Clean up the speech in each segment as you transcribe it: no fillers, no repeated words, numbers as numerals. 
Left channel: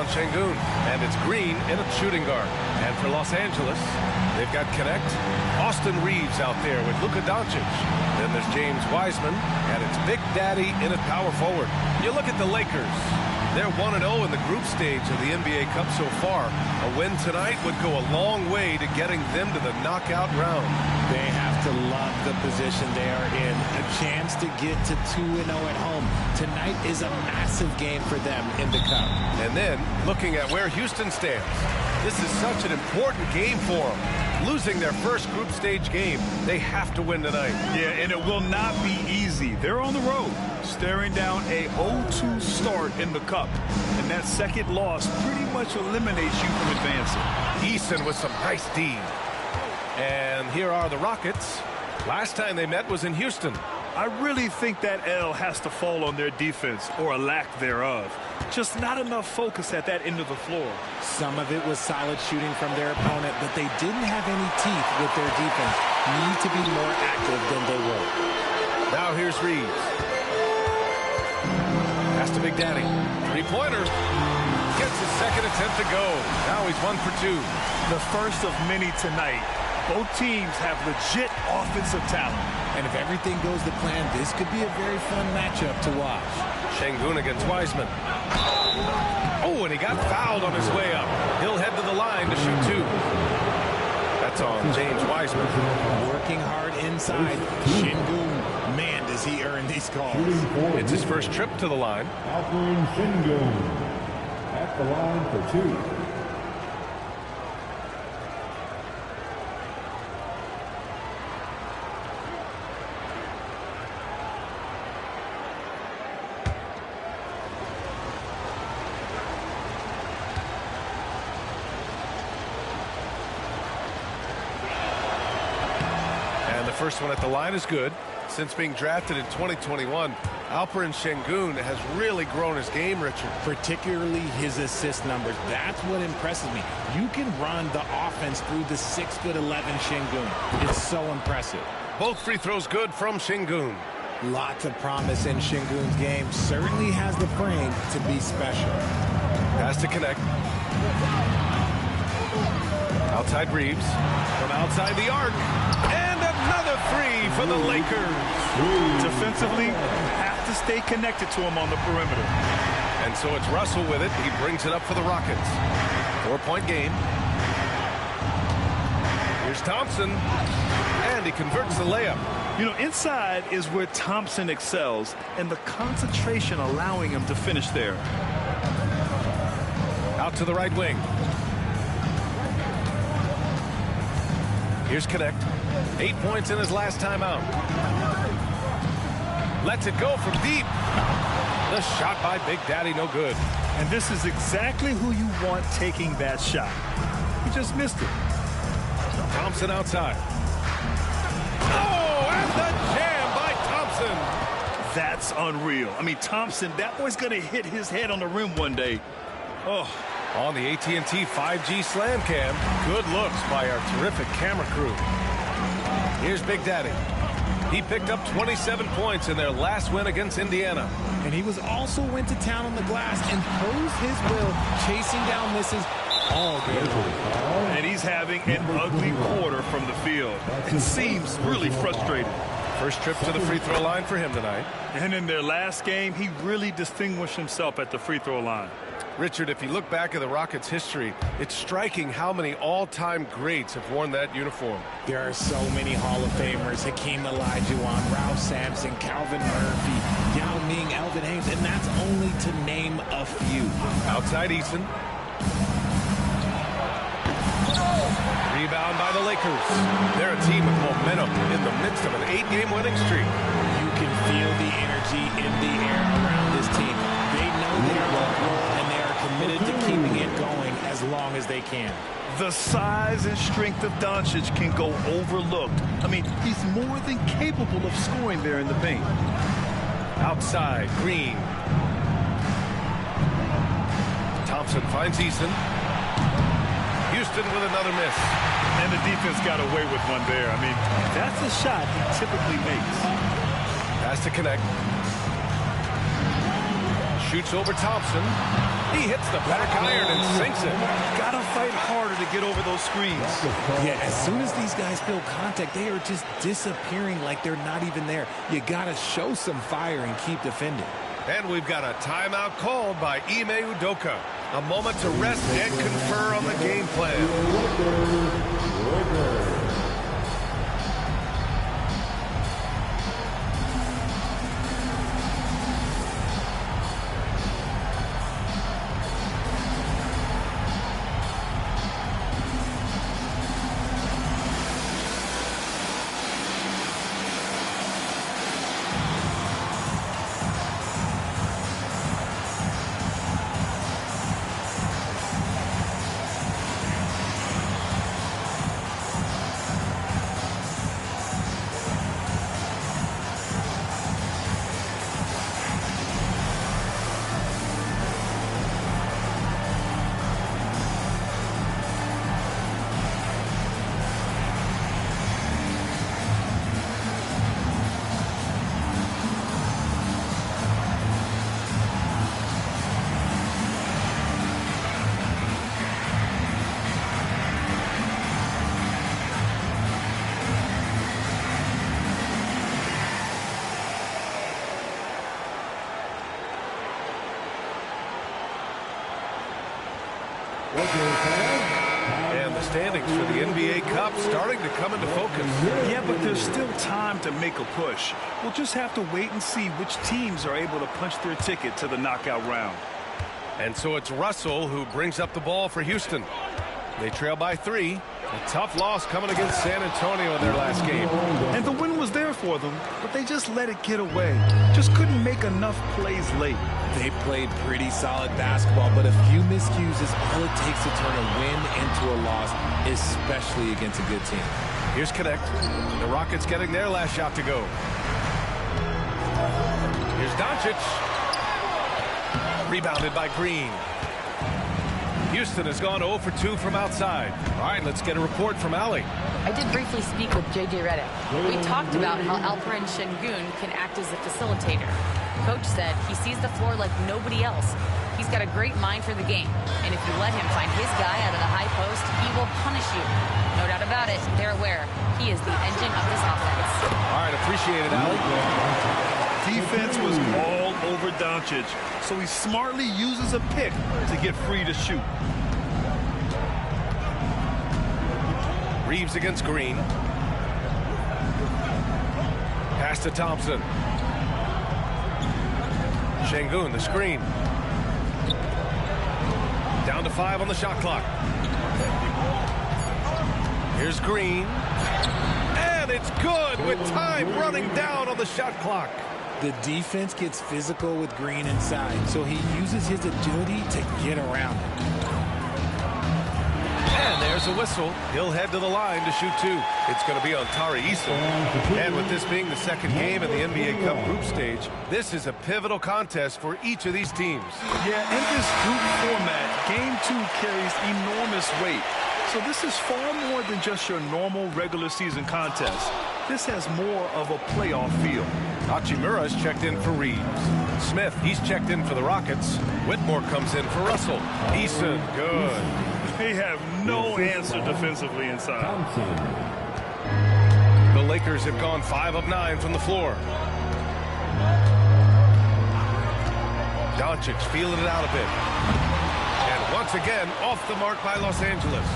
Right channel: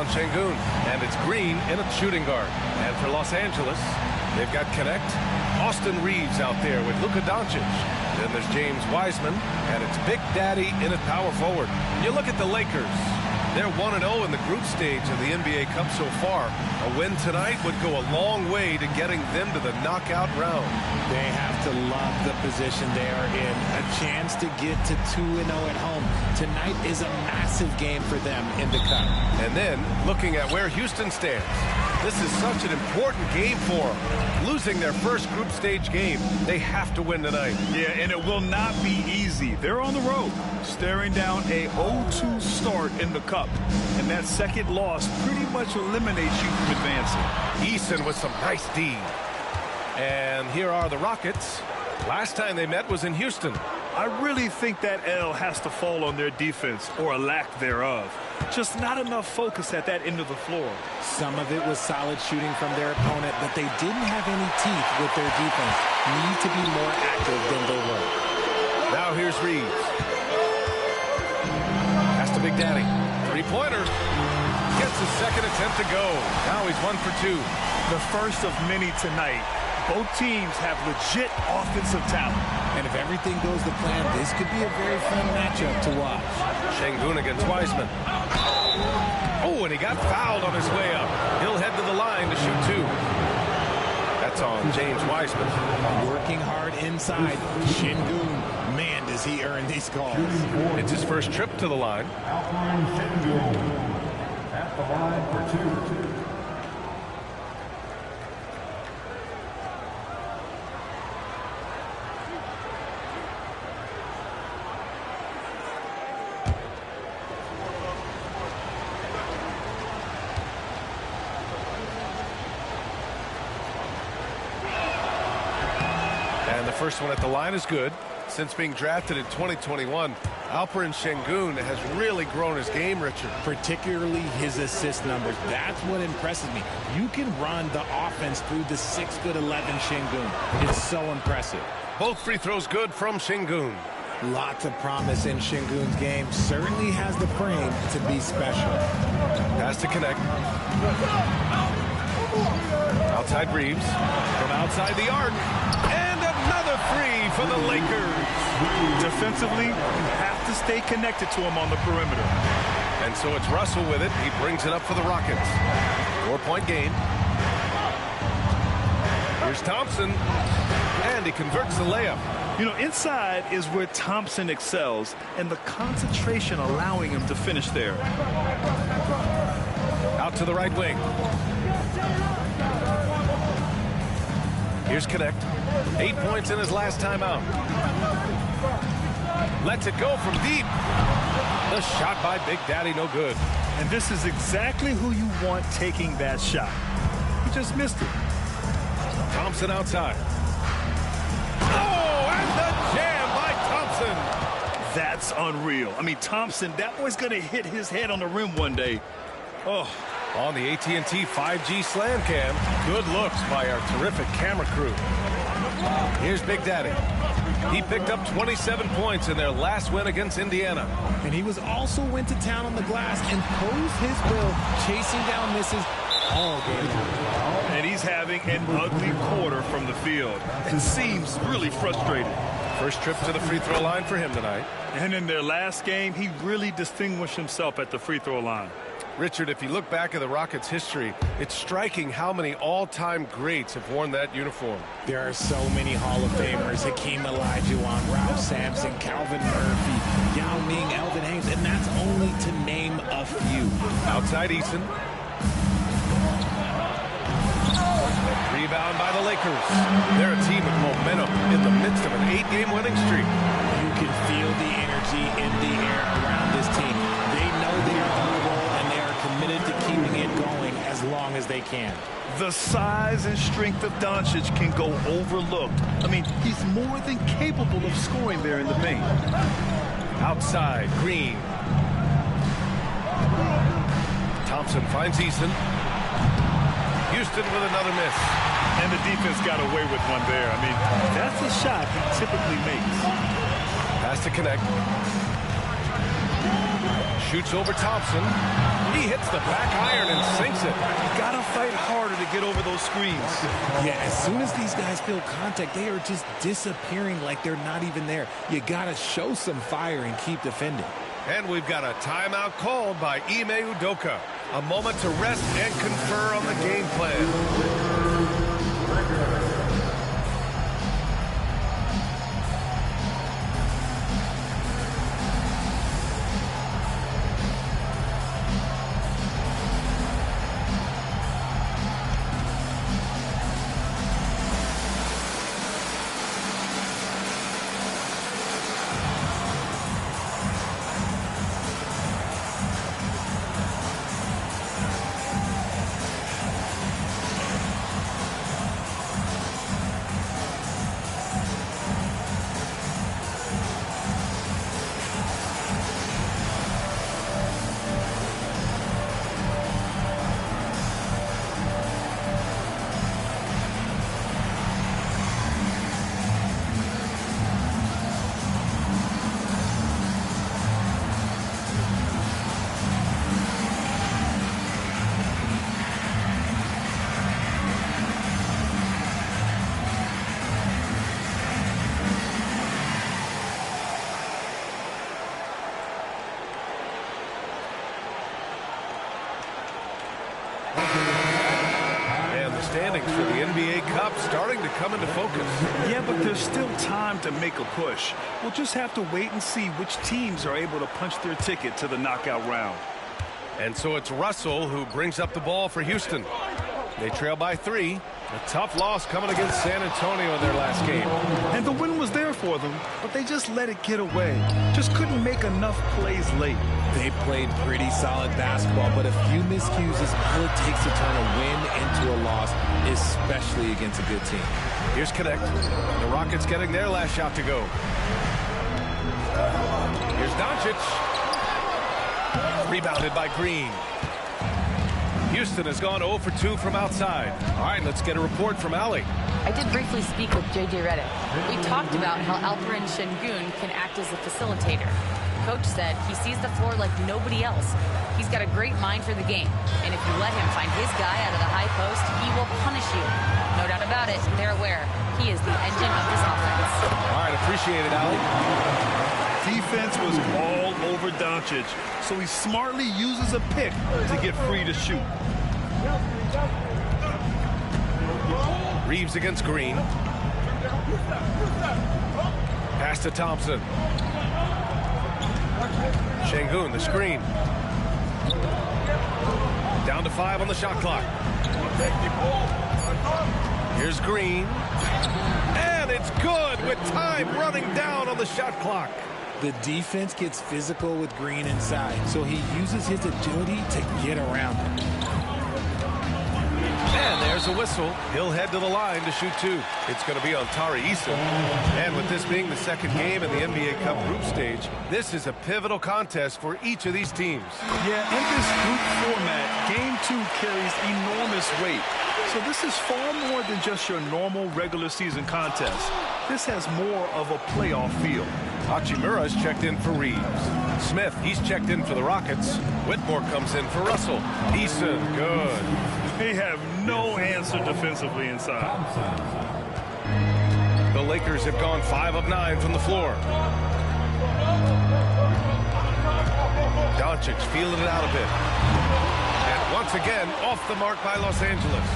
on Şengün, and it's Green in at shooting guard. And for Los Angeles, they've got Connect, Austin Reeves out there with Luka Doncic. Then there's James Wiseman, and it's Big Daddy in at power forward. You look at the Lakers. They're 1-0 in the group stage of the NBA Cup so far. A win tonight would go a long way to getting them to the knockout round. They have to love the position they are in. A chance to get to 2-0 at home. Tonight is a massive game for them in the Cup. And then, looking at where Houston stands, this is such an important game for them. Losing their first group stage game, they have to win tonight. Yeah, and it will not be easy. They're on the road, staring down a 0-2 start in the Cup. And that second loss pretty much eliminates you from advancing. Eason with some nice D. And here are the Rockets. Last time they met was in Houston. I really think that L has to fall on their defense, or a lack thereof. Just not enough focus at that end of the floor. Some of it was solid shooting from their opponent, but they didn't have any teeth with their defense. Need to be more active than they were. Now here's Reeves. Pass to Big Daddy. Three-pointer. Gets his second attempt to go. Now he's 1 for 2. The first of many tonight. Both teams have legit offensive talent. And if everything goes to plan, this could be a very fun matchup to watch. Şengün against Wiseman. Oh, and he got fouled on his way up. He'll head to the line to shoot 2. That's on James Wiseman. Working hard inside. Şengün, man, does he earn these calls. It's his first trip to the line. Alperen Şengün at the line for 2. And the first one at the line is good. Since being drafted in 2021, Alperen Şengün has really grown his game, Richard. Particularly his assist numbers. That's what impresses me. You can run the offense through the 6'11" Şengün. It's so impressive. Both free throws good from Şengün. Lots of promise in Şengün's game. Certainly has the frame to be special. Pass to Connect. Outside Reeves. From outside the arc. And another 3 for the Lakers. Defensively, you have to stay connected to him on the perimeter. And so it's Russell with it. He brings it up for the Rockets. 4-point game. Here's Thompson. And he converts the layup. You know, inside is where Thompson excels, and the concentration allowing him to finish there. Out to the right wing. Here's Connect. 8 points in his last time out. Lets it go from deep. The shot by Big Daddy, no good. And this is exactly who you want taking that shot. He just missed it. Thompson outside. Oh, and the jam by Thompson. That's unreal. I mean, Thompson, that boy's going to hit his head on the rim one day. Oh. On the AT&T 5G Slam Cam, good looks by our terrific camera crew. Here's Big Daddy. He picked up 27 points in their last win against Indiana. And he also went to town on the glass and posed his will, chasing down misses all game long. And he's having an ugly quarter from the field. It seems really frustrated. First trip to the free throw line for him tonight. And in their last game, he really distinguished himself at the free throw line. Richard, if you look back at the Rockets' history, it's striking how many all-time greats have worn that uniform. There are so many Hall of Famers. Hakeem Olajuwon, Ralph Sampson, Calvin Murphy, Yao Ming, Elvin Hayes, and that's only to name a few. Outside Eason. Rebound by the Lakers. They're a team with momentum in the midst of an 8-game winning streak. You can feel the energy in the air around this team. They know they are on a roll, and they are committed to keeping it going as long as they can. The size and strength of Doncic can go overlooked. I mean, he's more than capable of scoring there in the paint. Outside, Green. Thompson finds Eason. Houston with another miss. And the defense got away with one there. I mean, that's a shot he typically makes. Pass to Connect. Shoots over Thompson. He hits the back iron and sinks it. Gotta fight harder to get over those screens. Yeah, as soon as these guys feel contact, they are just disappearing like they're not even there. You gotta show some fire and keep defending. And we've got a timeout called by Ime Udoka. A moment to rest and confer on the game plan. And the standings for the NBA Cup starting to come into focus. Yeah, but there's still time to make a push. We'll just have to wait and see which teams are able to punch their ticket to the knockout round. And so it's Russell who brings up the ball for Houston. They trail by 3. A tough loss coming against San Antonio in their last game. And the win was there for them, but they just let it get away. Just couldn't make enough plays late. They played pretty solid basketball, but a few miscues is all it takes to turn a win into a loss, especially against a good team. Here's Connect. The Rockets getting their last shot to go. Here's Doncic. Rebounded by Green. Houston has gone 0 for 2 from outside. All right, let's get a report from Allie. I did briefly speak with J.J. Redick. We talked about how Alperen Şengün can act as a facilitator. Coach said he sees the floor like nobody else. He's got a great mind for the game, and if you let him find his guy out of the high post, he will punish you. No doubt about it, they're aware. He is the engine of this offense. All right, appreciate it, Allie. Defense was all over Doncic, so he smartly uses a pick to get free to shoot. Reeves against Green. Pass to Thompson. Şengün, the screen. Down to 5 on the shot clock. Here's Green. And it's good with time running down on the shot clock. The defense gets physical with Green inside, so he uses his agility to get around him. And there's a whistle. He'll head to the line to shoot 2. It's going to be on Tari Eason. And with this being the second game in the NBA Cup group stage, this is a pivotal contest for each of these teams. Yeah, in this group format, Game 2 carries enormous weight. So this is far more than just your normal regular season contest. This has more of a playoff feel. Hachimura's checked in for Reeves. Smith, he's checked in for the Rockets. Whitmore comes in for Russell. Eason, good. They have no answer defensively inside. The Lakers have gone 5 of 9 from the floor. Doncic feeling it out a bit. And once again, off the mark by Los Angeles.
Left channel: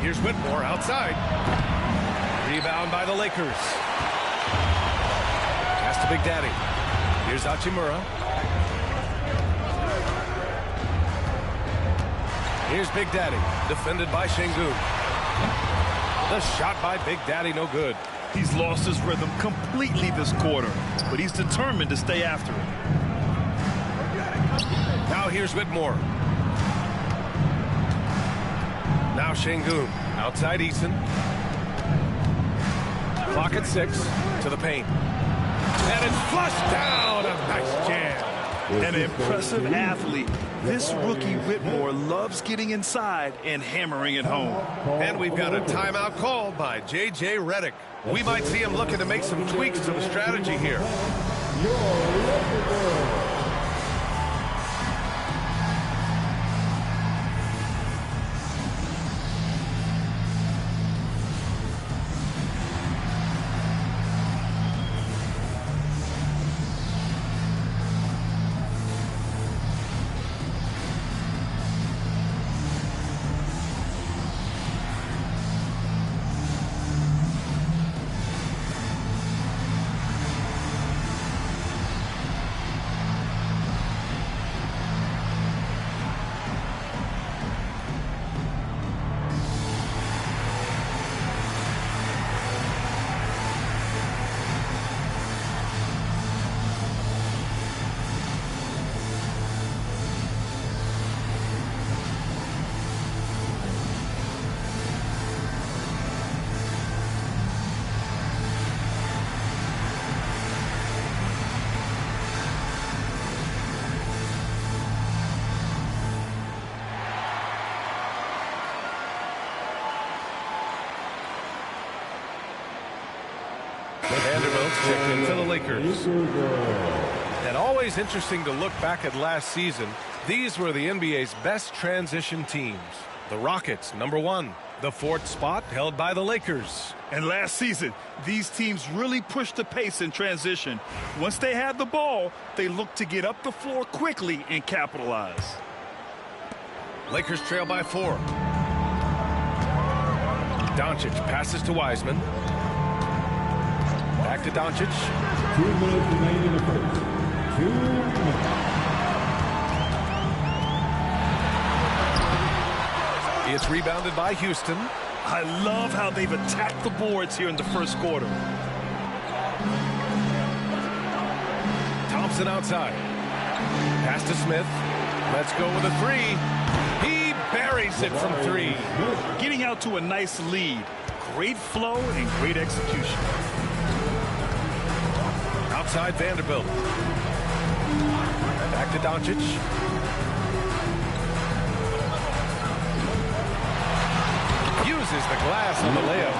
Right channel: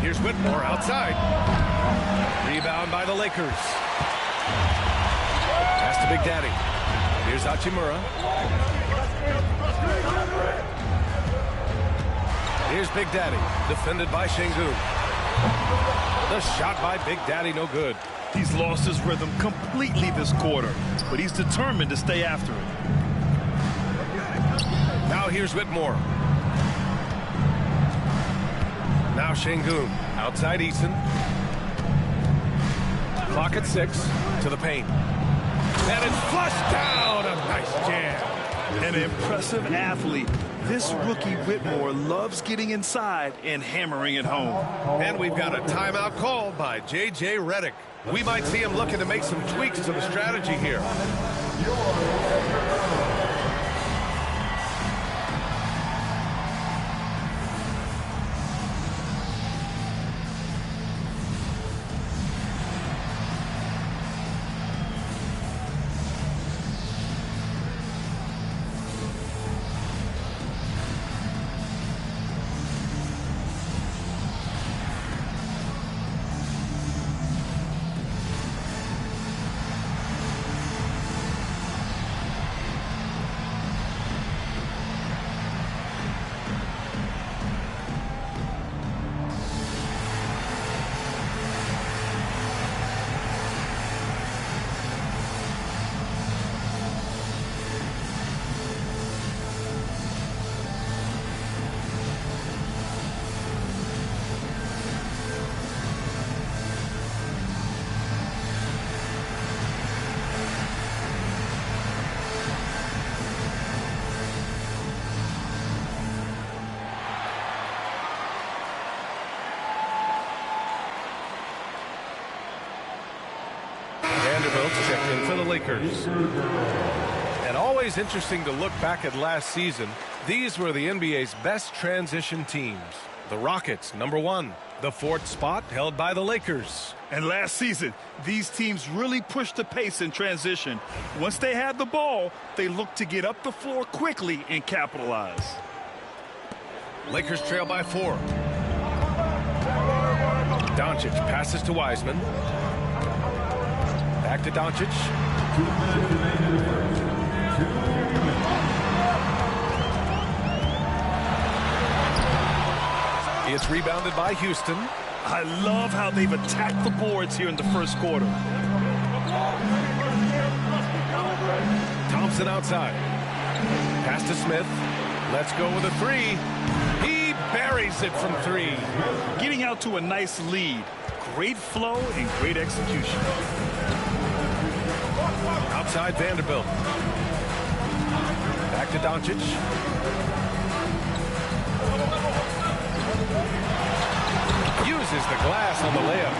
Here's Whitmore outside. Rebound by the Lakers. Pass to Big Daddy. Here's Hachimura. Here's Big Daddy, defended by Şengün. The shot by Big Daddy, no good. He's lost his rhythm completely this quarter, but he's determined to stay after it. Now here's Whitmore. Now Şengün, outside Eason. Clock at 6, to the paint. And it's flushed down, a nice jam. An impressive athlete. This rookie Whitmore loves getting inside and hammering it home. And we've got a timeout called by J.J. Redick. We might see him looking to make some tweaks to the strategy here. Vanderbilt checked in for the Lakers. And always interesting to look back at last season. These were the NBA's best transition teams. The Rockets, number 1. The 4th spot held by the Lakers. And last season, these teams really pushed the pace in transition. Once they had the ball, they looked to get up the floor quickly and capitalize. Lakers trail by 4. Doncic passes to Wiseman. Back to Doncic. 2 minutes remain in the first. 2 minutes. It's rebounded by Houston. I love how they've attacked the boards here in the first quarter. Thompson outside. Pass to Smith. Let's go with a 3. He buries it from 3. Getting out to a nice lead. Great flow and great execution. Outside Vanderbilt. Back to Doncic. Uses the glass on the layup.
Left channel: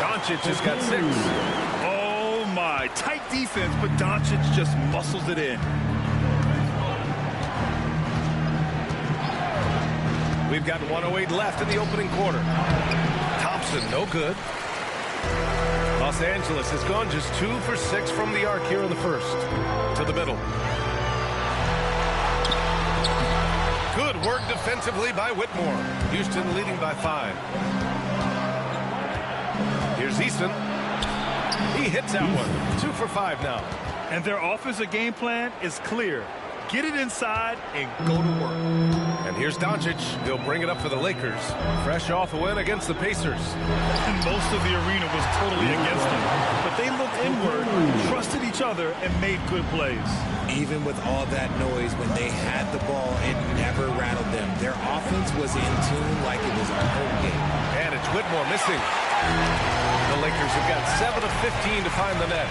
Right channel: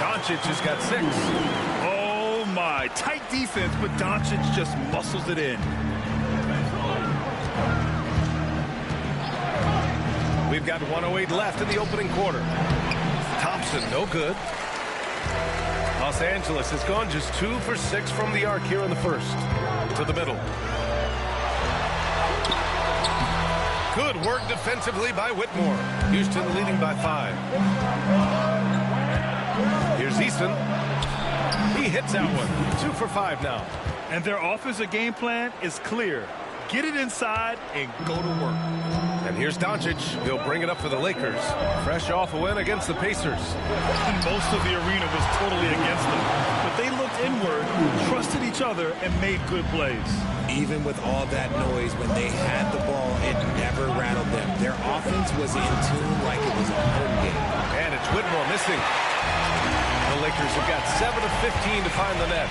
Doncic has got 6. Oh my, tight defense, but Doncic just muscles it in. We've got 1:08 left in the opening quarter. Thompson, no good. Los Angeles has gone just 2 for 6 from the arc here in the first. To the middle. Good work defensively by Whitmore. Houston leading by 5. Here's Eason. He hits that one. 2 for 5 now. And their offensive game plan is clear. Get it inside and go to work. And here's Doncic. He'll bring it up for the Lakers. Fresh off a win against the Pacers. And most of the arena was totally against them. But they looked inward, trusted each other, and made good plays. Even with all that noise, when they had the ball, it never rattled them. Their offense was in tune like it was a home game. And it's Whitmore missing. The Lakers have got 7 of 15 to find the net.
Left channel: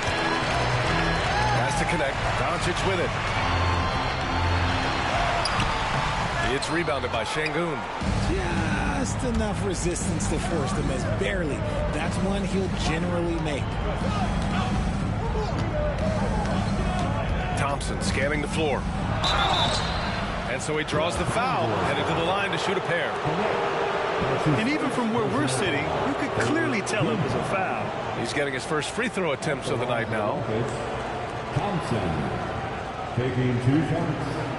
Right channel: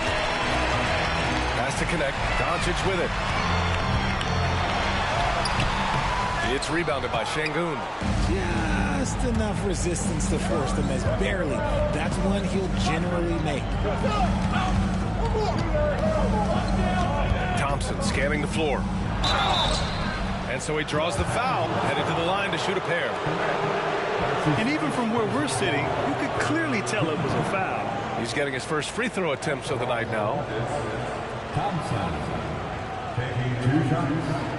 Has to connect. Doncic with it. It's rebounded by Şengün. Just enough resistance to force them as barely. That's one he'll generally make. Thompson scanning the floor. And so he draws the foul, headed to the line to shoot a pair. And even from where we're sitting, you could clearly tell it was a foul. He's getting his first free throw attempts of the night now. Thompson taking 2 shots.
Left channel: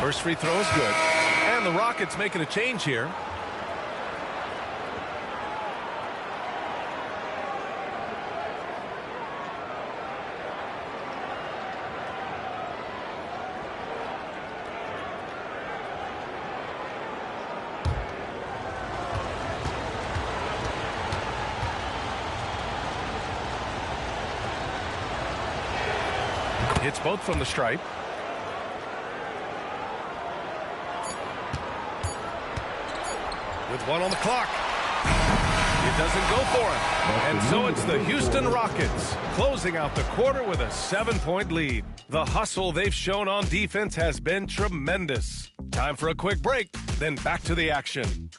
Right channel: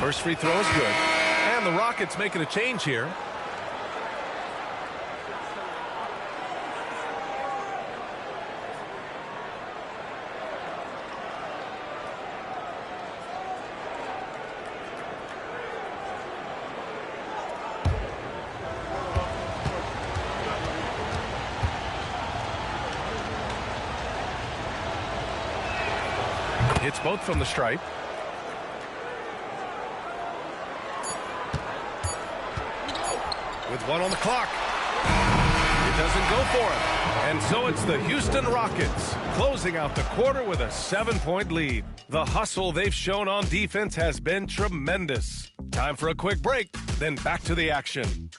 First free throw is good. And the Rockets making a change here. Hits both from the stripe. With 1 on the clock. It doesn't go for him. And so it's the Houston Rockets closing out the quarter with a 7-point lead. The hustle they've shown on defense has been tremendous. Time for a quick break, then back to the action.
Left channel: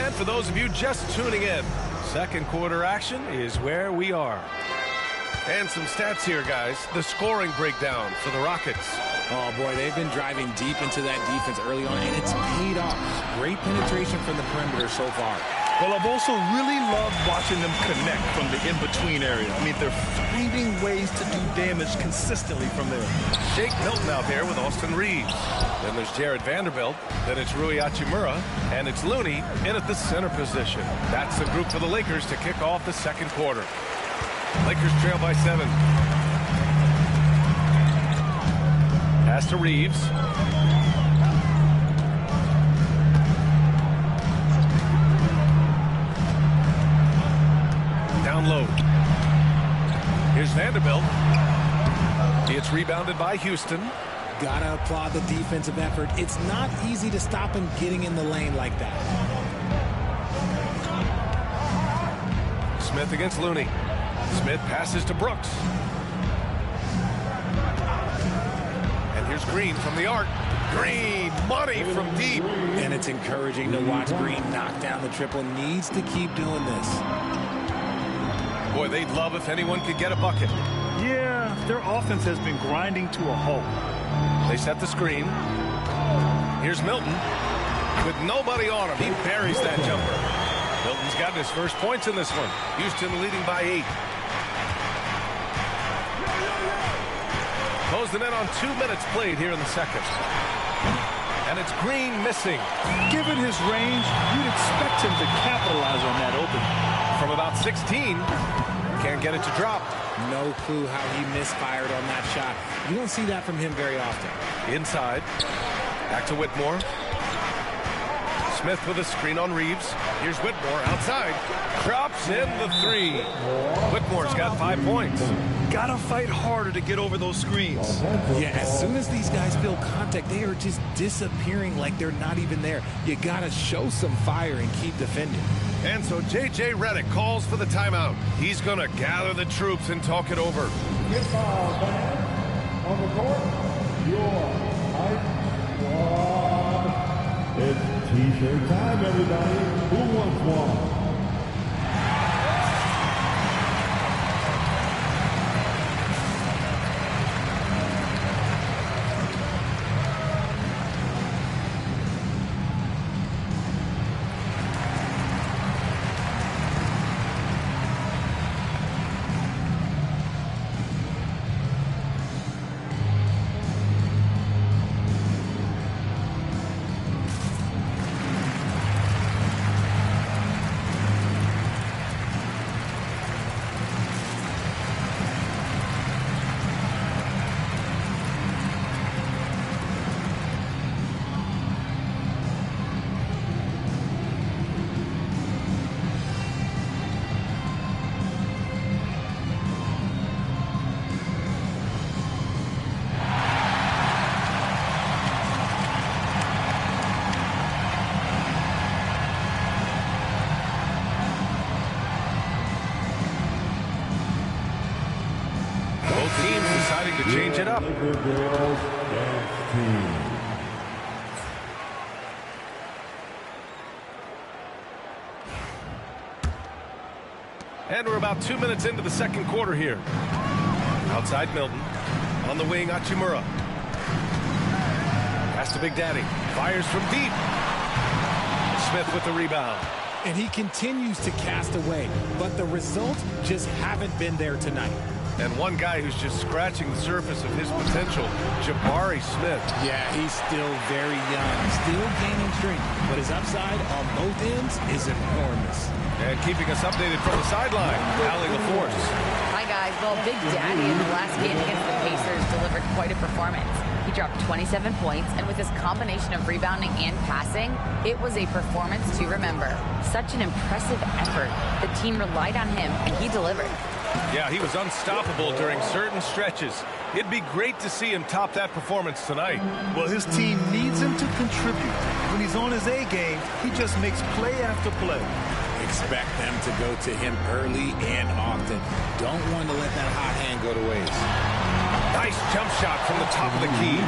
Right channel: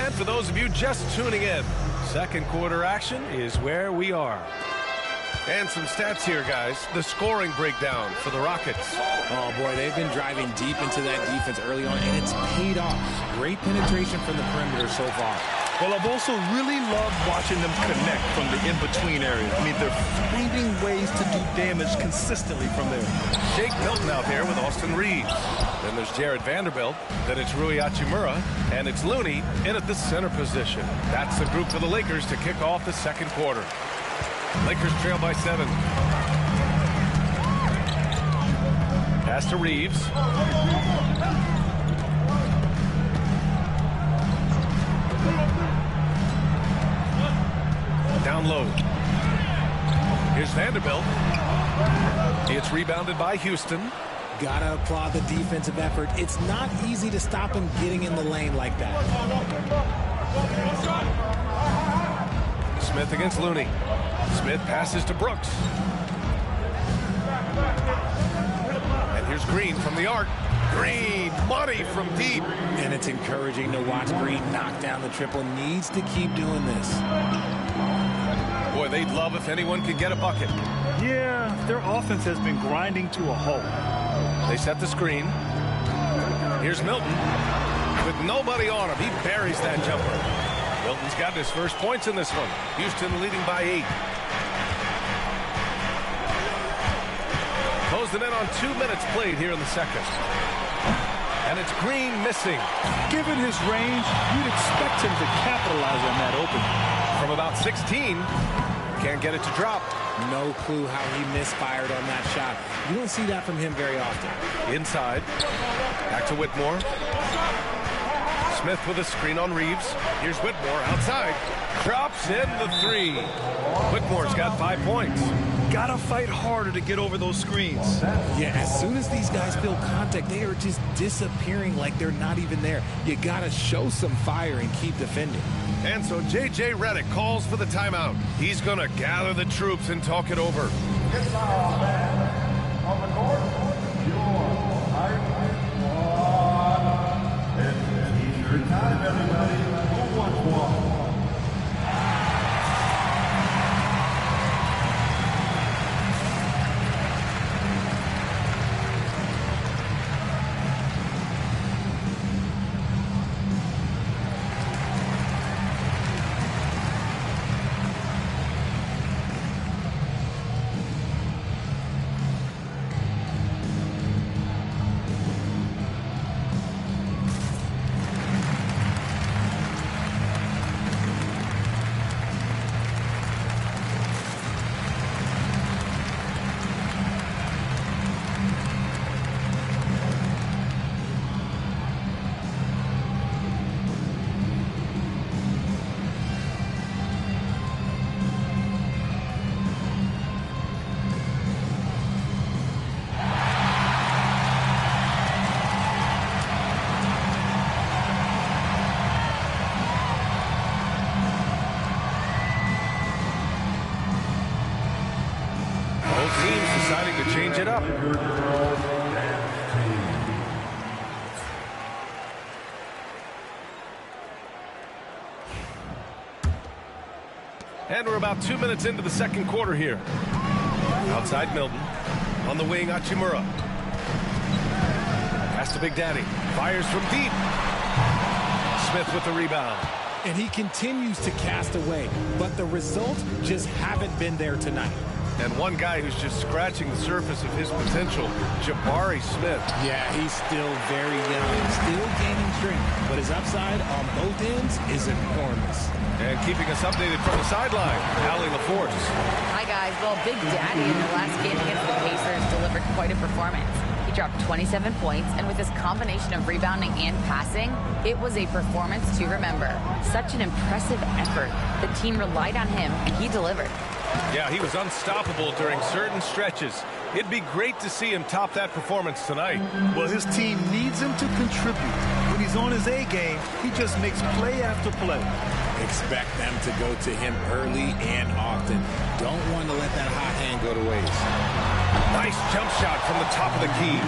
And for those of you just tuning in, second quarter action is where we are. And some stats here, guys. The scoring breakdown for the Rockets. Oh, boy, they've been driving deep into that defense early on, and it's paid off. Great penetration from the perimeter so far. Well, I've also really loved watching them connect from the in-between areas. I mean, they're finding ways to do damage consistently from there. Shake Milton out there with Austin Reeves. Then there's Jared Vanderbilt. Then it's Rui Hachimura. And it's Looney in at the center position. That's the group for the Lakers to kick off the second quarter. Lakers trail by 7. Pass to Reeves. Down low. Here's Vanderbilt. It's rebounded by Houston. Gotta applaud the defensive effort. It's not easy to stop him getting in the lane like that. Smith against Looney. Smith passes to Brooks. And here's Green from the arc. Green, money from deep. And it's encouraging to watch Green knock down the triple. Needs to keep doing this. Boy, they'd love if anyone could get a bucket. Yeah, their offense has been grinding to a halt. They set the screen. Here's Milton. With nobody on him, he buries that jumper. Milton's got his first points in this one. Houston leading by 8. Closing in on 2 minutes played here in the second. And it's Green missing. Given his range, you'd expect him to capitalize on that opening. From about 16, can't get it to drop. No clue how he misfired on that shot. You don't see that from him very often. Inside. Back to Whitmore. Smith with a screen on Reeves. Here's Whitmore outside. Drops in the 3. Whitmore's got 5 points. Gotta fight harder to get over those screens. Yeah, as soon as these guys feel contact, they are just disappearing like they're not even there. You gotta show some fire and keep defending. And so J.J. Redick calls for the timeout. He's going to gather the troops and talk it over. It's all bad. On the court, your hype squad. It's t-shirt time, everybody. Who wants one? Teams deciding to change it up. Laker girls dance team. And we're about 2 minutes into the second quarter here. Outside Milton. On the wing, Hachimura. Pass to Big Daddy. Fires from deep. Smith with the rebound. And he continues to cast away, but the results just haven't been there tonight. And one guy who's just scratching the surface of his potential, Jabari Smith. Yeah, he's still very young, still gaining strength, but his upside on both ends is enormous. And keeping us updated from the sideline, Allie LaForce. Hi, guys. Well, Big Daddy in the last game against the Pacers delivered quite a performance. He dropped 27 points, and with his combination of rebounding and passing, it was a performance to remember. Such an impressive effort. The team relied on him, and he delivered. Yeah, he was unstoppable during certain stretches. It'd be great to see him top that performance tonight. Well, his team needs him to contribute. When he's on his A game, he just makes play after play. Expect them to go to him early and often. Don't want to let that hot hand go to waste. Nice jump shot from the top of the key.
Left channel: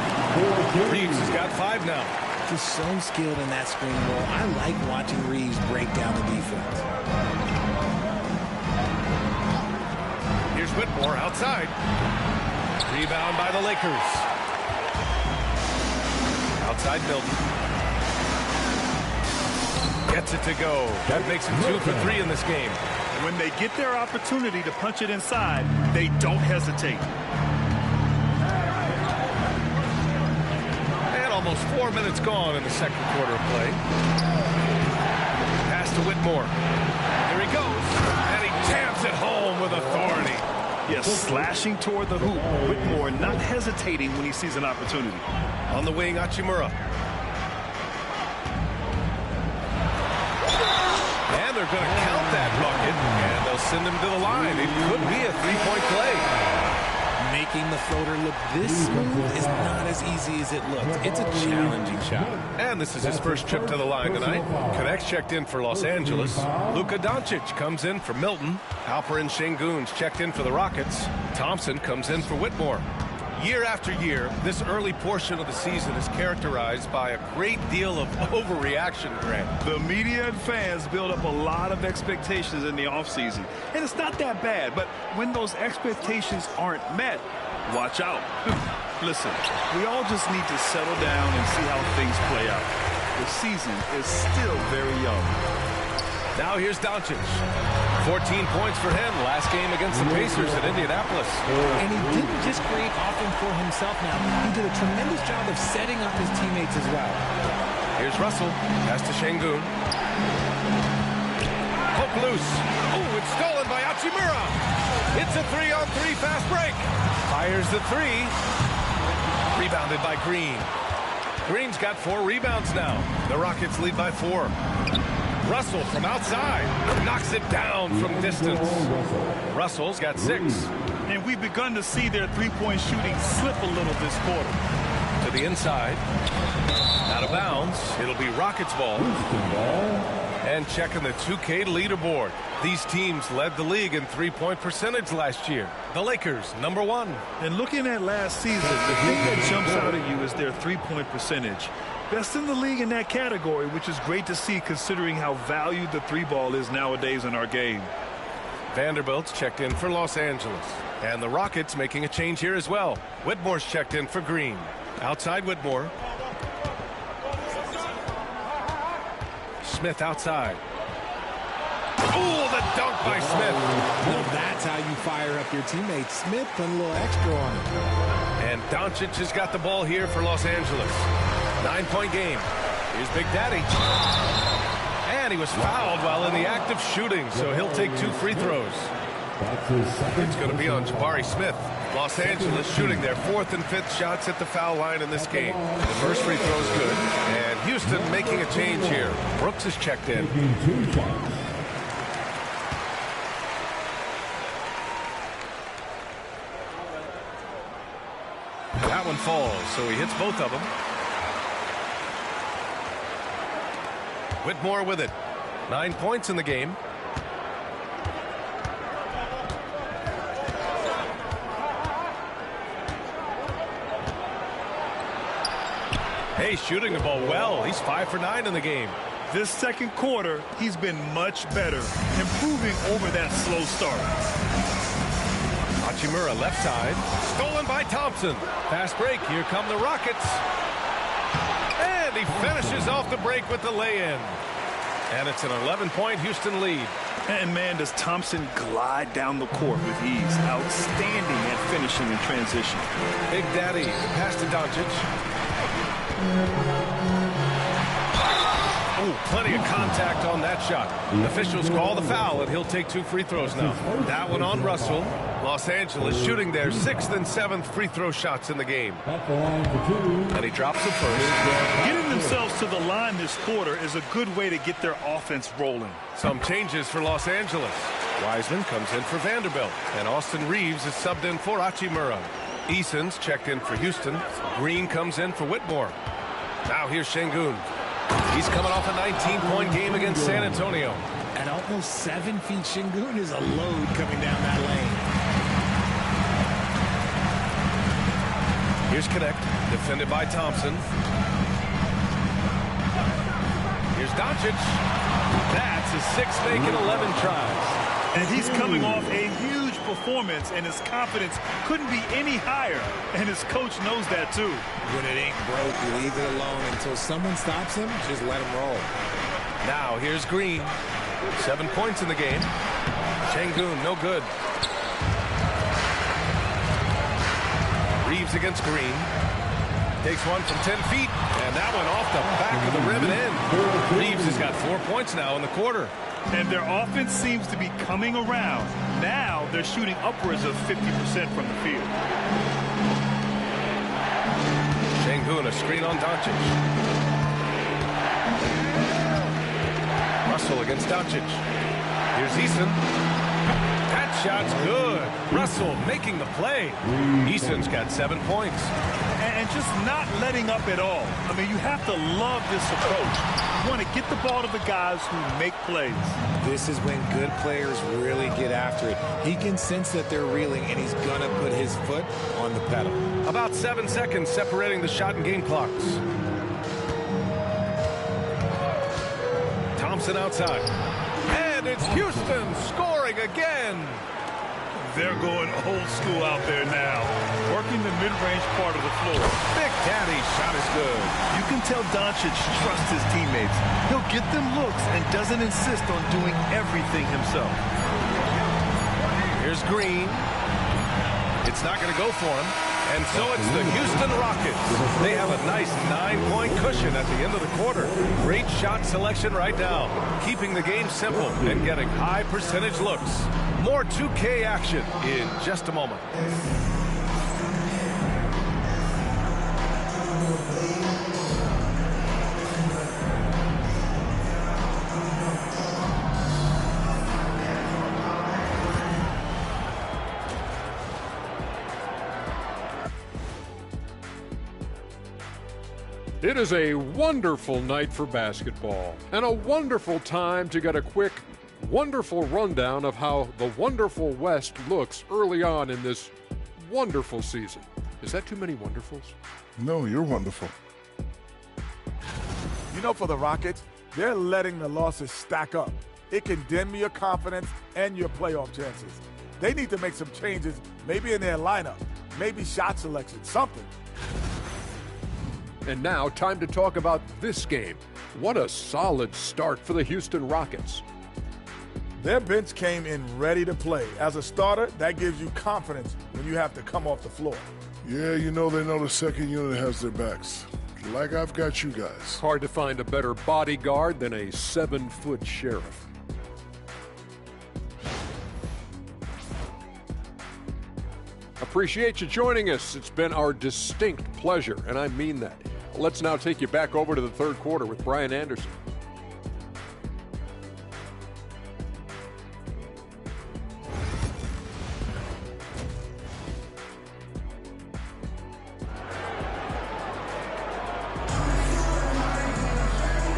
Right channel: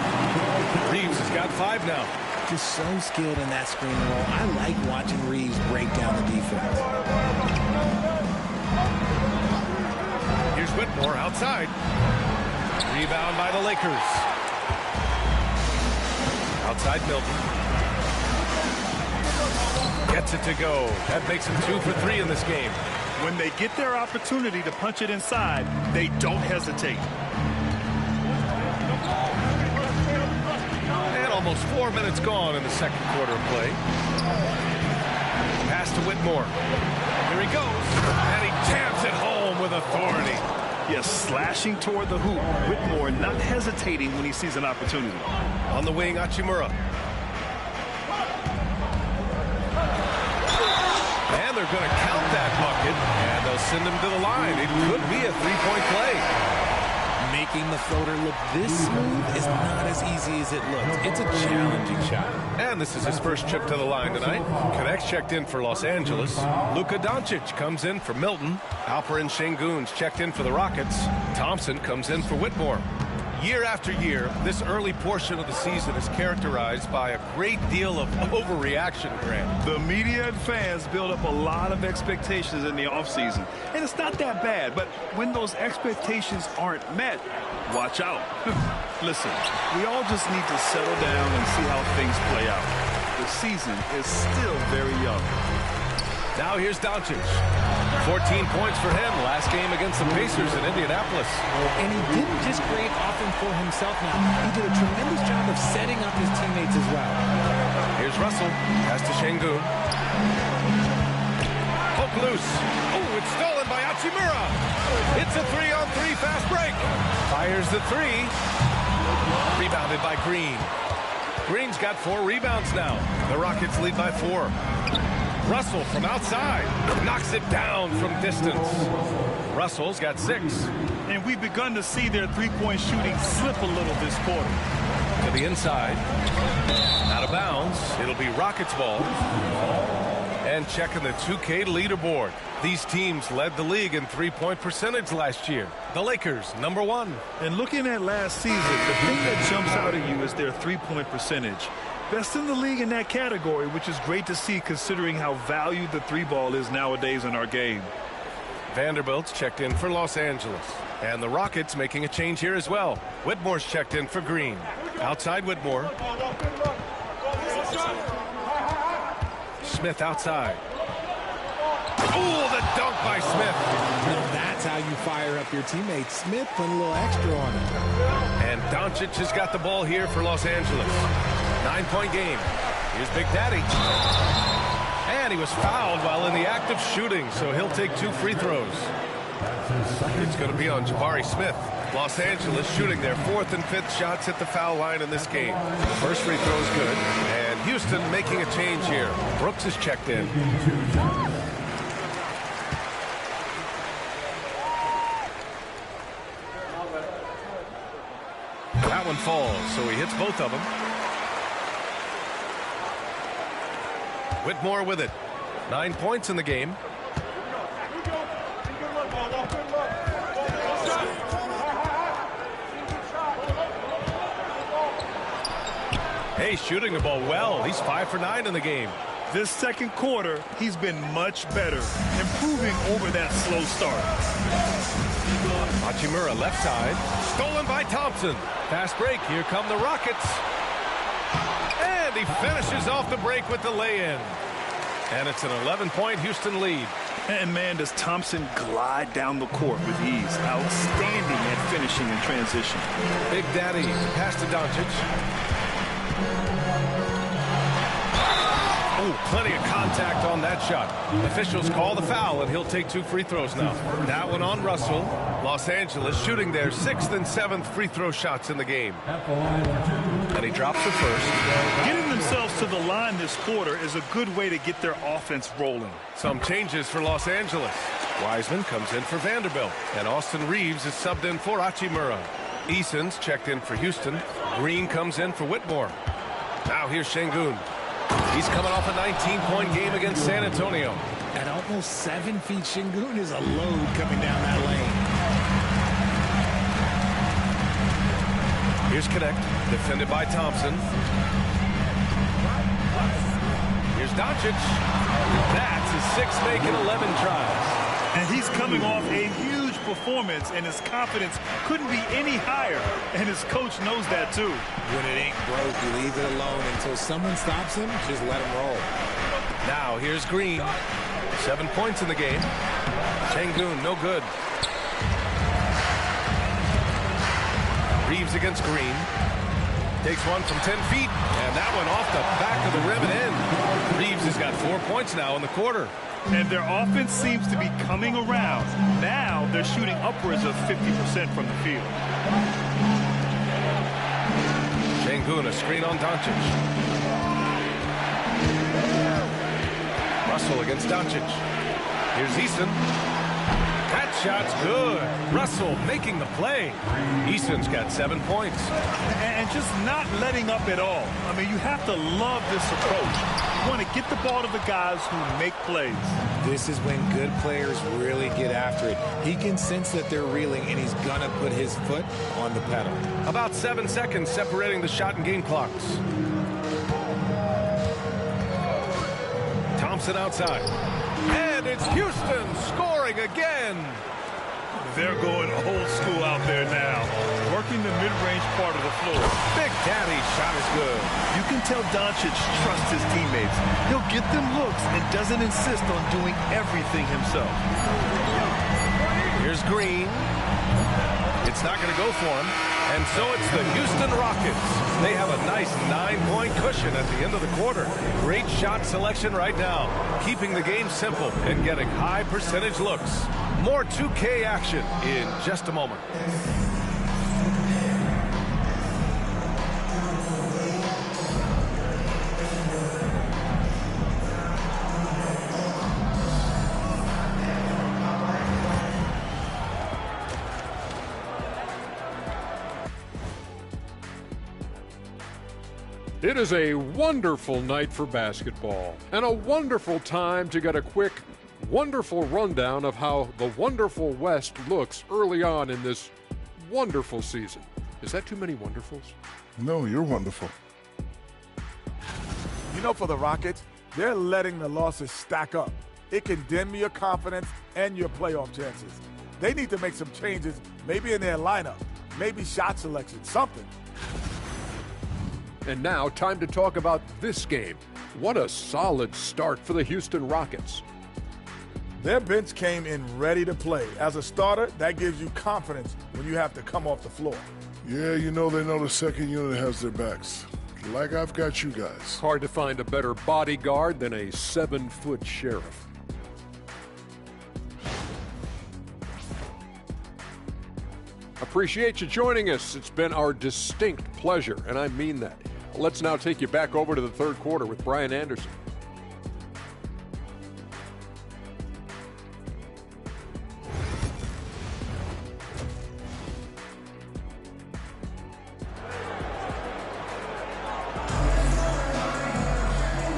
Reeves has got 5 now. Just so skilled in that screen roll. I like watching Reeves break down the defense. Here's Whitmore outside. Rebound by the Lakers. Outside Milton. Gets it to go. That makes him 2 for 3 in this game. When they get their opportunity to punch it inside, they don't hesitate. And almost 4 minutes gone in the second quarter of play. Pass to Whitmore. Here he goes. And he jams it home with authority. Yes, slashing toward the hoop. Whitmore not hesitating when he sees an opportunity. On the wing, Hachimura. And they're going to count that bucket. bucket, and they'll send him to the line. It could be a three-point play. Making the floater look this smooth is not as easy as it looks. It's a challenging shot. And this is his first trip to the line tonight. Connect's checked in for Los Angeles. Luka Doncic comes in for Milton. Alperen Şengün's checked in for the Rockets. Thompson comes in for Whitmore. Year after year, this early portion of the season is characterized by a great deal of overreaction, Grant. The media and fans build up a lot of expectations in the offseason. And it's not that bad, but when those expectations aren't met, watch out. Listen, we all just need to settle down and see how things play out. The season is still very young. Now here's Doncic. 14 points for him last game against the Pacers in Indianapolis. And he didn't just create offense for himself now. He did a tremendous job of setting up his teammates as well. Here's Russell. Pass to Şengün. Poke loose. Oh, it's stolen by Hachimura. It's a 3-on-3 fast break. Fires the three. Rebounded by Green. Green's got 4 rebounds now. The Rockets lead by 4. Russell from outside knocks it down from distance. Russell's got 6. And we've begun to see their three-point shooting slip a little this quarter. To the inside. Out of bounds. It'll be Rockets ball. And checking the 2K leaderboard. These teams led the league in three-point percentage last year. The Lakers, number 1. And looking at last season, the thing that jumps out at you is their three-point percentage. Best in the league in that category, which is great to see considering how valued the three ball is nowadays in our game. Vanderbilt's checked in for Los Angeles. And the Rockets making a change here as well. Whitmore's checked in for Green. Outside Whitmore. Smith outside. Oh, the dunk by Smith. Now that's how you fire up your teammates. Smith putting a little extra on it. And Doncic has got the ball here for Los Angeles. 9-point game. Here's Big Daddy. And he was fouled while in the act of shooting, so he'll take 2 free throws. It's going to be on Jabari Smith. Los Angeles shooting their 4th and 5th shots at the foul line in this game. The first free throw is good. And Houston making a change here. Brooks is checked in. That one falls, so he hits both of them. Whitmore with it. 9 points in the game. Hey, shooting the ball well. He's 5 for 9 in the game. This second quarter, he's been much better, improving over that slow start. Hachimura left side. Stolen by Thompson. Fast break. Here come the Rockets. And he finishes off the break with the lay-in. And it's an 11-point Houston lead. And, man, does Thompson glide down the court with ease. Outstanding at finishing in transition. Big Daddy, pass to Doncic. Oh, plenty of contact on that shot. Officials call the foul, and he'll take 2 free throws now. That one on Russell. Los Angeles shooting their 6th and 7th free throw shots in the game. And he drops the first. Getting themselves to the line this quarter is a good way to get their offense rolling. Some changes for Los Angeles. Wiseman comes in for Vanderbilt, and Austin Reeves is subbed in for Hachimura. Eason's checked in for Houston. Green comes in for Whitmore. Now here's Şengün. He's coming off a 19-point game against San Antonio. At almost 7 feet, Şengün is a load coming down that lane. Here's Connect, defended by Thompson. Here's Doncic. That's his 6th make in 11 tries. And he's coming off a huge performance, and his confidence couldn't be any higher. And his coach knows that, too. When it ain't broke, you leave it alone until someone stops him. Just let him roll. Now here's Green. 7 points in the game. Şengün, no good. Reeves against Green. Takes one from 10 feet, and that one off the back of the rim and in. Reeves has got 4 points now in the quarter. And their offense seems to be coming around. Now they're shooting upwards of 50% from the field. Şengün, a screen on Doncic. Russell against Doncic. Here's Eason. That shot's good. Russell making the play. Eason's got 7 points. And just not letting up at all. I mean, you have to love this approach. You want to get the ball to the guys who make plays. This is when good players really get after it. He can sense that they're reeling, and he's going to put his foot on the pedal. About 7 seconds separating the shot and game clocks. Thompson outside. And it's Houston scoring again. They're going old school out there now, working the mid-range part of the floor. Big Daddy's shot is good. You can tell Doncic trusts his teammates. He'll get them looks and doesn't insist on doing everything himself. Here's Green. It's not going to go for him. And so it's the Houston Rockets. They have a nice 9-point cushion at the end of the quarter. Great shot selection right now, keeping the game simple and getting high percentage looks. More 2K action in just a moment. It is a wonderful night for basketball and a wonderful time to get a quick, wonderful rundown of how the wonderful West looks early on in this wonderful season. Is that too many wonderfuls? No, you're wonderful. You know, for the Rockets, they're letting the losses stack up. It can dim your confidence and your playoff chances. They need to make some changes, maybe in their lineup, maybe shot selection, something. And now, time to talk about this game. What a solid start for the Houston Rockets. Their bench came in ready to play. As a starter, that gives you confidence when you have to come off the floor. Yeah, you know they know the second unit has their backs. Like I've got you guys. Hard to find a better bodyguard than a 7-foot sheriff. Appreciate you joining us. It's been our distinct pleasure, and I mean that. Let's now take you back over to the third quarter with Brian Anderson.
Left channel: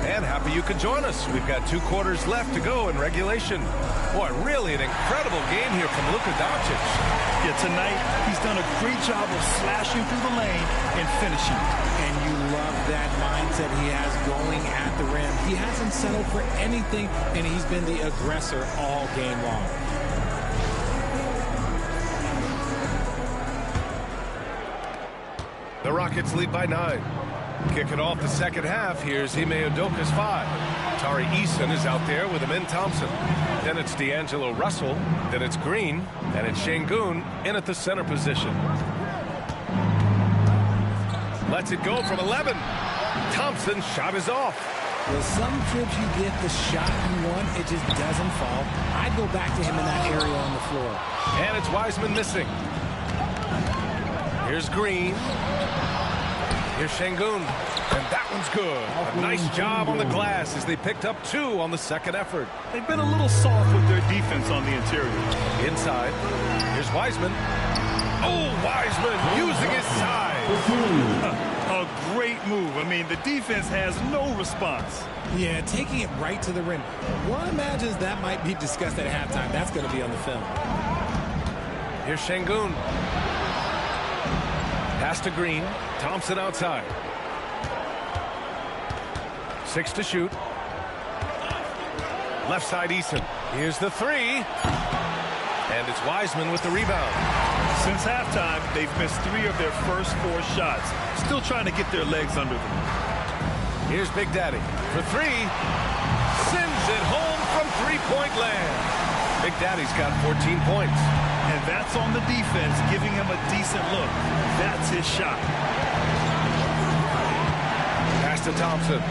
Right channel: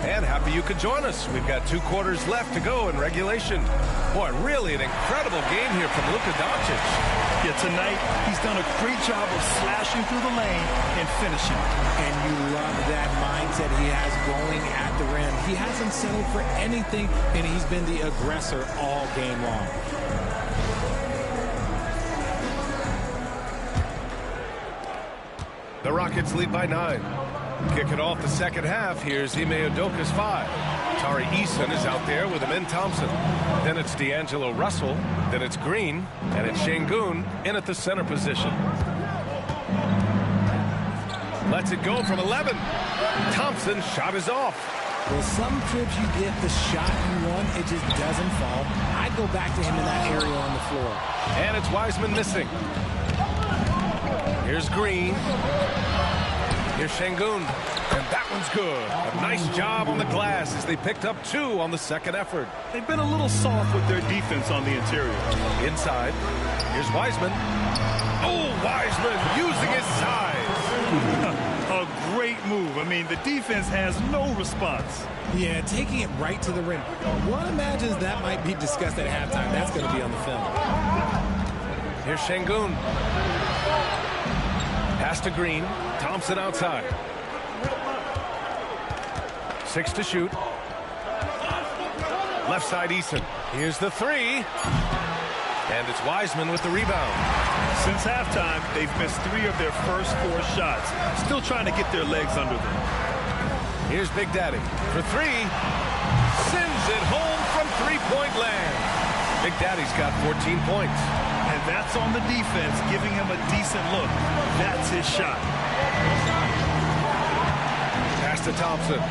And happy you could join us. We've got 2 quarters left to go in regulation. Boy, really an incredible game here from Luka Doncic. Yeah, tonight he's done a great job of slashing through the lane and finishing. And you love that mindset he has going at the rim. He hasn't settled for anything, and he's been the aggressor all game long. The Rockets lead by 9. Kicking off the second half, here's Ime Udoka's 5. Tari Eason is out there with Amin Thompson. Then it's D'Angelo Russell. Then it's Green. And it's Şengün in at the center position. Lets it go from 11. Thompson's shot is off. Well, some trips you get the shot you want, it just doesn't fall. I'd go back to him in that area on the floor. And it's Wiseman missing. Here's Green. Here's Şengün. And that one's good. A nice job on the glass as they picked up 2 on the second effort. They've been a little soft with their defense on the interior. Inside. Here's Wiseman. Oh, Wiseman using his size. A great move. I mean, the defense has no response. Yeah, taking it right to the rim. One imagines that might be discussed at halftime. That's going to be on the film. Here's Şengün. Pass to Green. Thompson outside. 6 to shoot. Left side Eason. Here's the 3. And it's Wiseman with the rebound. Since halftime, they've missed 3 of their first 4 shots. Still trying to get their legs under them. Here's Big Daddy for 3. Sends it home from 3-point land. Big Daddy's got 14 points. And that's on the defense, giving him a decent look. That's his shot. Pass to Thompson.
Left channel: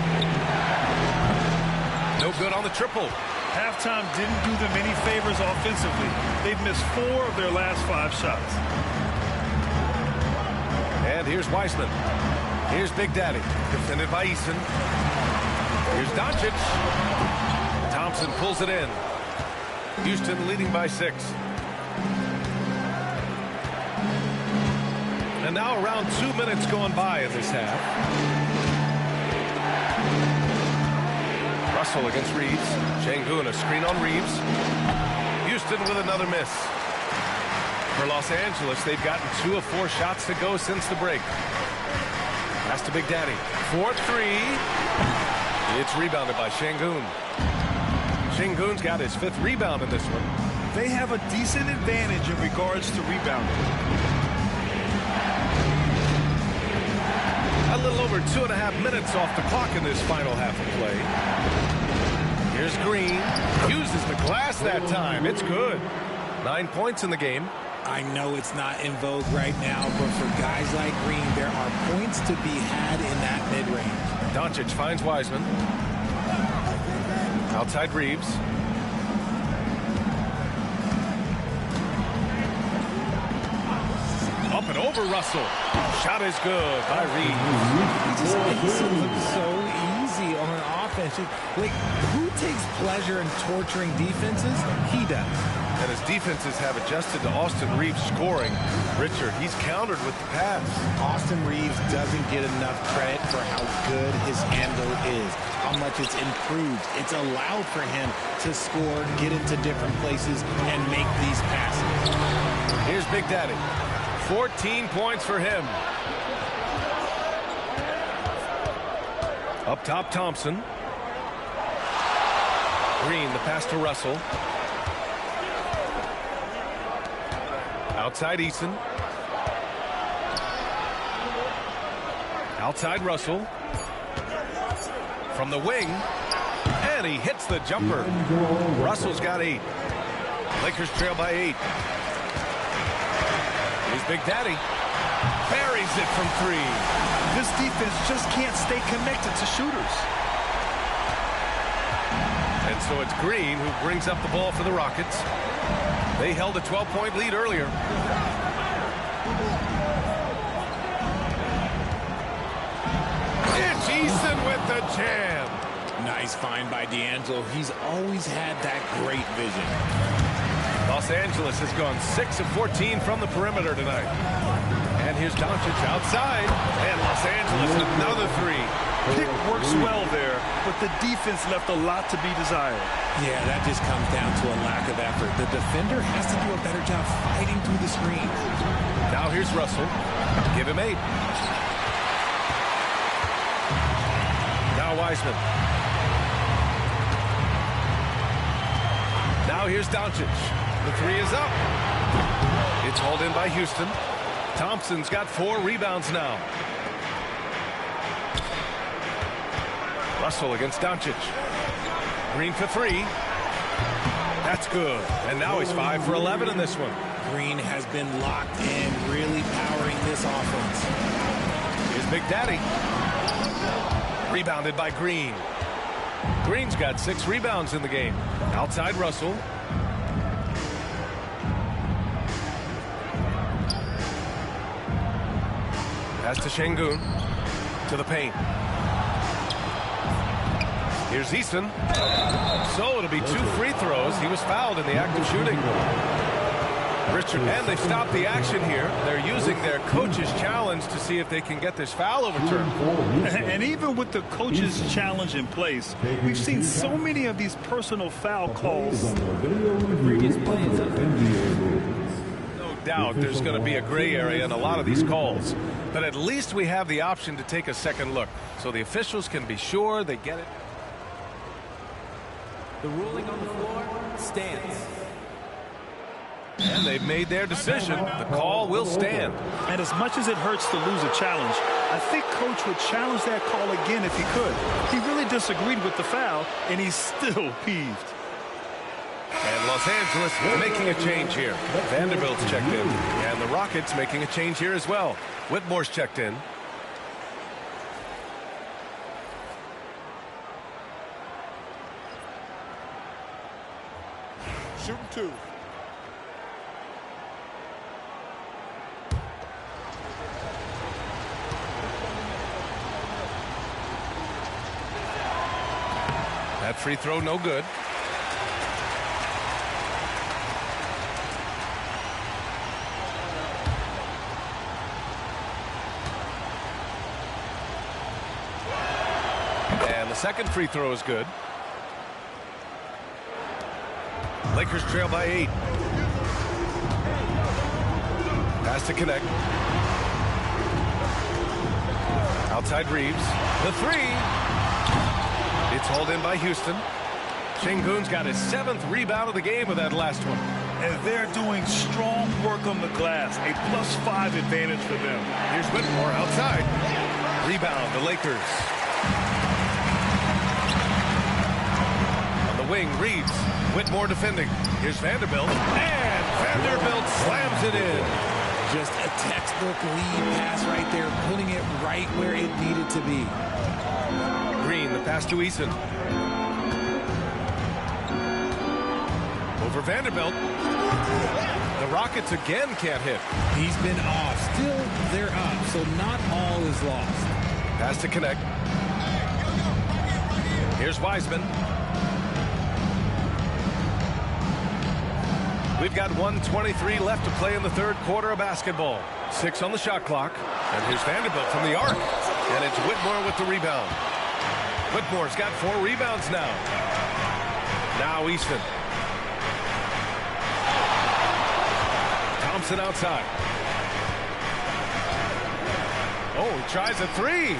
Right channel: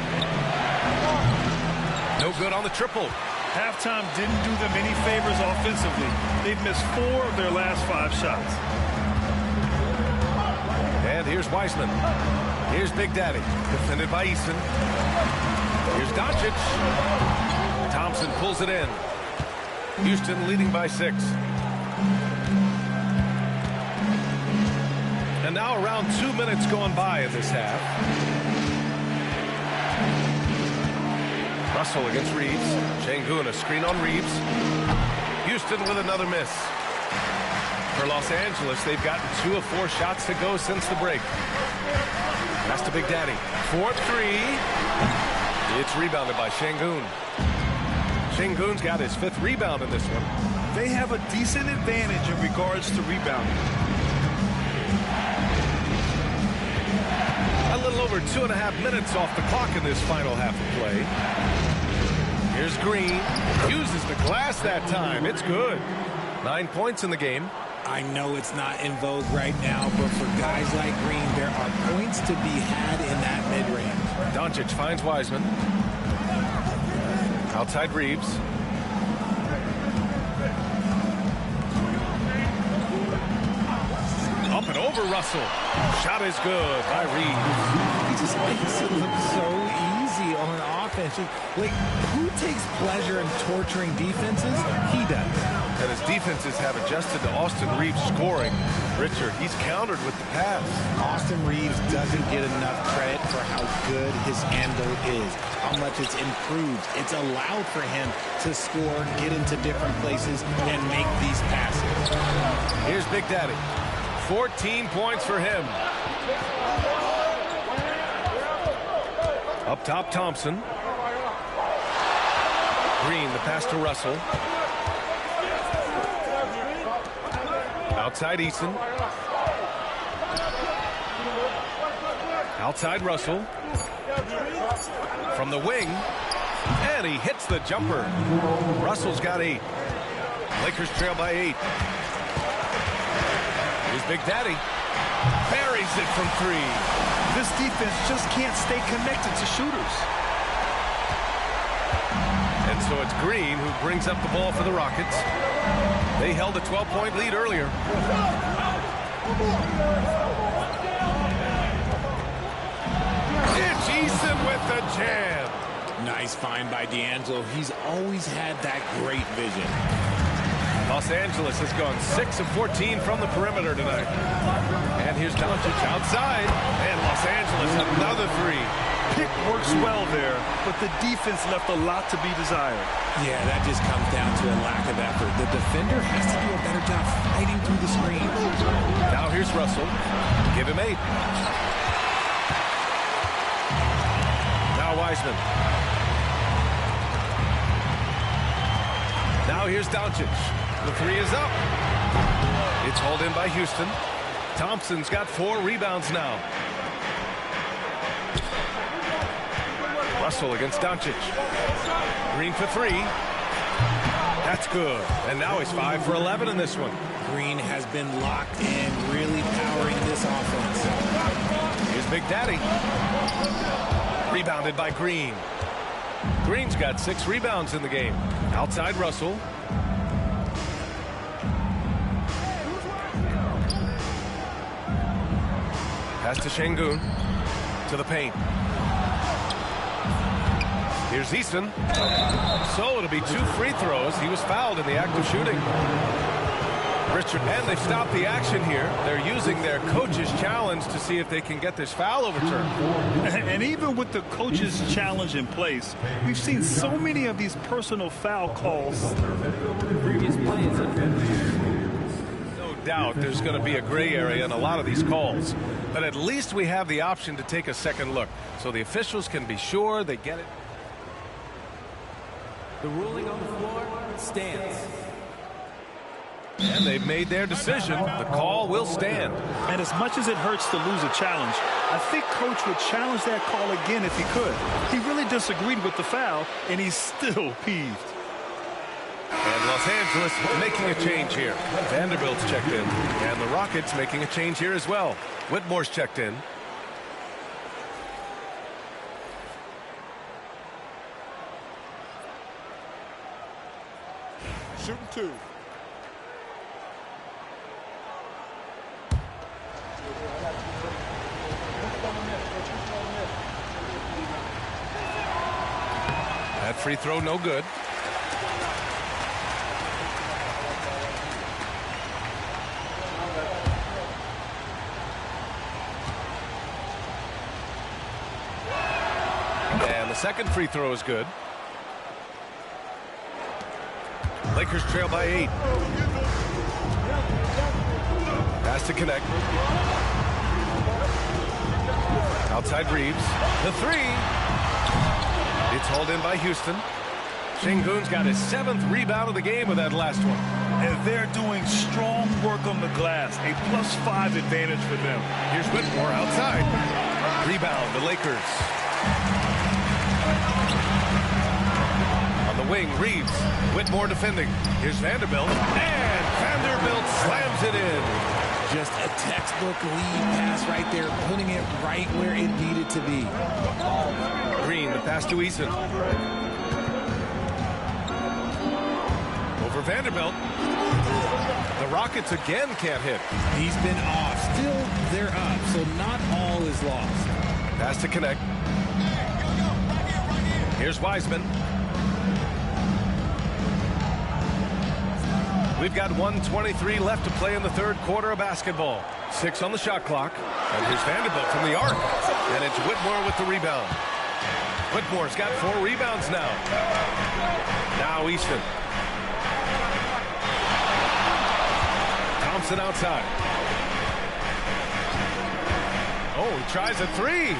No good on the triple. Halftime didn't do them any favors offensively. They've missed 4 of their last 5 shots. And here's Wiseman. Here's Big Daddy, defended by Eason. Here's Doncic. Thompson pulls it in. Houston leading by 6. And now around 2 minutes gone by in this half. Russell against Reeves. Şengün, a screen on Reeves. Houston with another miss. For Los Angeles, they've gotten 2 of 4 shots to go since the break. Pass to Big Daddy. 4-3. It's rebounded by Şengün. Şengün's got his 5th rebound in this one. They have a decent advantage in regards to rebounding. A little over 2.5 minutes off the clock in this final half of play. Here's Green. Uses the glass that time. It's good. 9 points in the game. I know it's not in vogue right now, but for guys like Green, there are points to be had in that mid-range. Doncic finds Wiseman. Outside Reeves. Up and over Russell. Shot is good by Reeves. He just makes it look so easy on offense. Like, who takes pleasure in torturing defenses? He does. And his defenses have adjusted to Austin Reeves scoring. Richard, he's countered with the pass. Austin Reeves doesn't get enough credit for how good his handle is, how much it's improved. It's allowed for him to score, get into different places, and make these passes. Here's Big Daddy. 14 points for him. Up top, Thompson. Green, the pass to Russell. Outside Eason. Outside Russell. From the wing. And he hits the jumper. Russell's got 8. Lakers trail by 8. Here's Big Daddy. Buries it from 3. This defense just can't stay connected to shooters. And so it's Green who brings up the ball for the Rockets. They held a 12-point lead earlier. It's Eason with the jam. Nice find by D'Angelo. He's always had that great vision. Los Angeles has gone 6 of 14 from the perimeter tonight. And here's Doncic outside. And Los Angeles another 3. Pick works well there, but the defense left a lot to be desired. Yeah, that just comes down to a lack of effort. The defender has to do a better job fighting through the screens. Now here's Russell. Give him 8. Now Wiseman. Now here's Doncic. The 3 is up. It's hauled in by Houston. Thompson's got 4 rebounds now. Russell against Doncic. Green for 3. That's good. And now he's 5 for 11 in this one. Green has been locked in, really powering this offense. Here's Big Daddy. Rebounded by Green. Green's got 6 rebounds in the game. Outside Russell. Pass to Şengün. To the paint. Here's Eason. So it'll be 2 free throws. He was fouled in the act of shooting. Richard, and they've stopped the action here. They're using their coach's challenge to see if they can get this foul overturned. And even with the coach's challenge in place, we've seen so many of these personal foul calls. No doubt there's going to be a gray area in a lot of these calls. But at least we have the option to take a second look, so the officials can be sure they get it. The ruling on the floor stands. And they've made their decision. The call will stand. And as much as it hurts to lose a challenge, I think Coach would challenge that call again if he could. He really disagreed with the foul, and he's still peeved. And Los Angeles making a change here. Vanderbilt's checked in. And the Rockets making a change here as well. Whitmore's checked in. Shooting 2. That free throw no good. the second free throw is good. Lakers trail by 8. Pass to connect. Outside Reeves. The three. It's hauled in by Houston. Şengün's got his 7th rebound of the game with that last one. And they're doing strong work on the glass. A +5 advantage for them. Here's Whitmore outside. Rebound, the Lakers. On the wing, Reeves. Whitmore defending. Here's Vanderbilt. And Vanderbilt slams it in. Just a textbook lead pass right there, putting it right where it needed to be. Green, the pass to Eason. Over Vanderbilt. The Rockets again can't hit. He's been off. Still, they're up, so not all is lost. Pass to connect. Here's Wiseman. We've got 1:23 left to play in the third quarter of basketball. 6 on the shot clock. And here's Vanderbilt from the arc. And it's Whitmore with the rebound. Whitmore's got 4 rebounds now. Now Easton. Thompson outside. Oh, he tries a 3.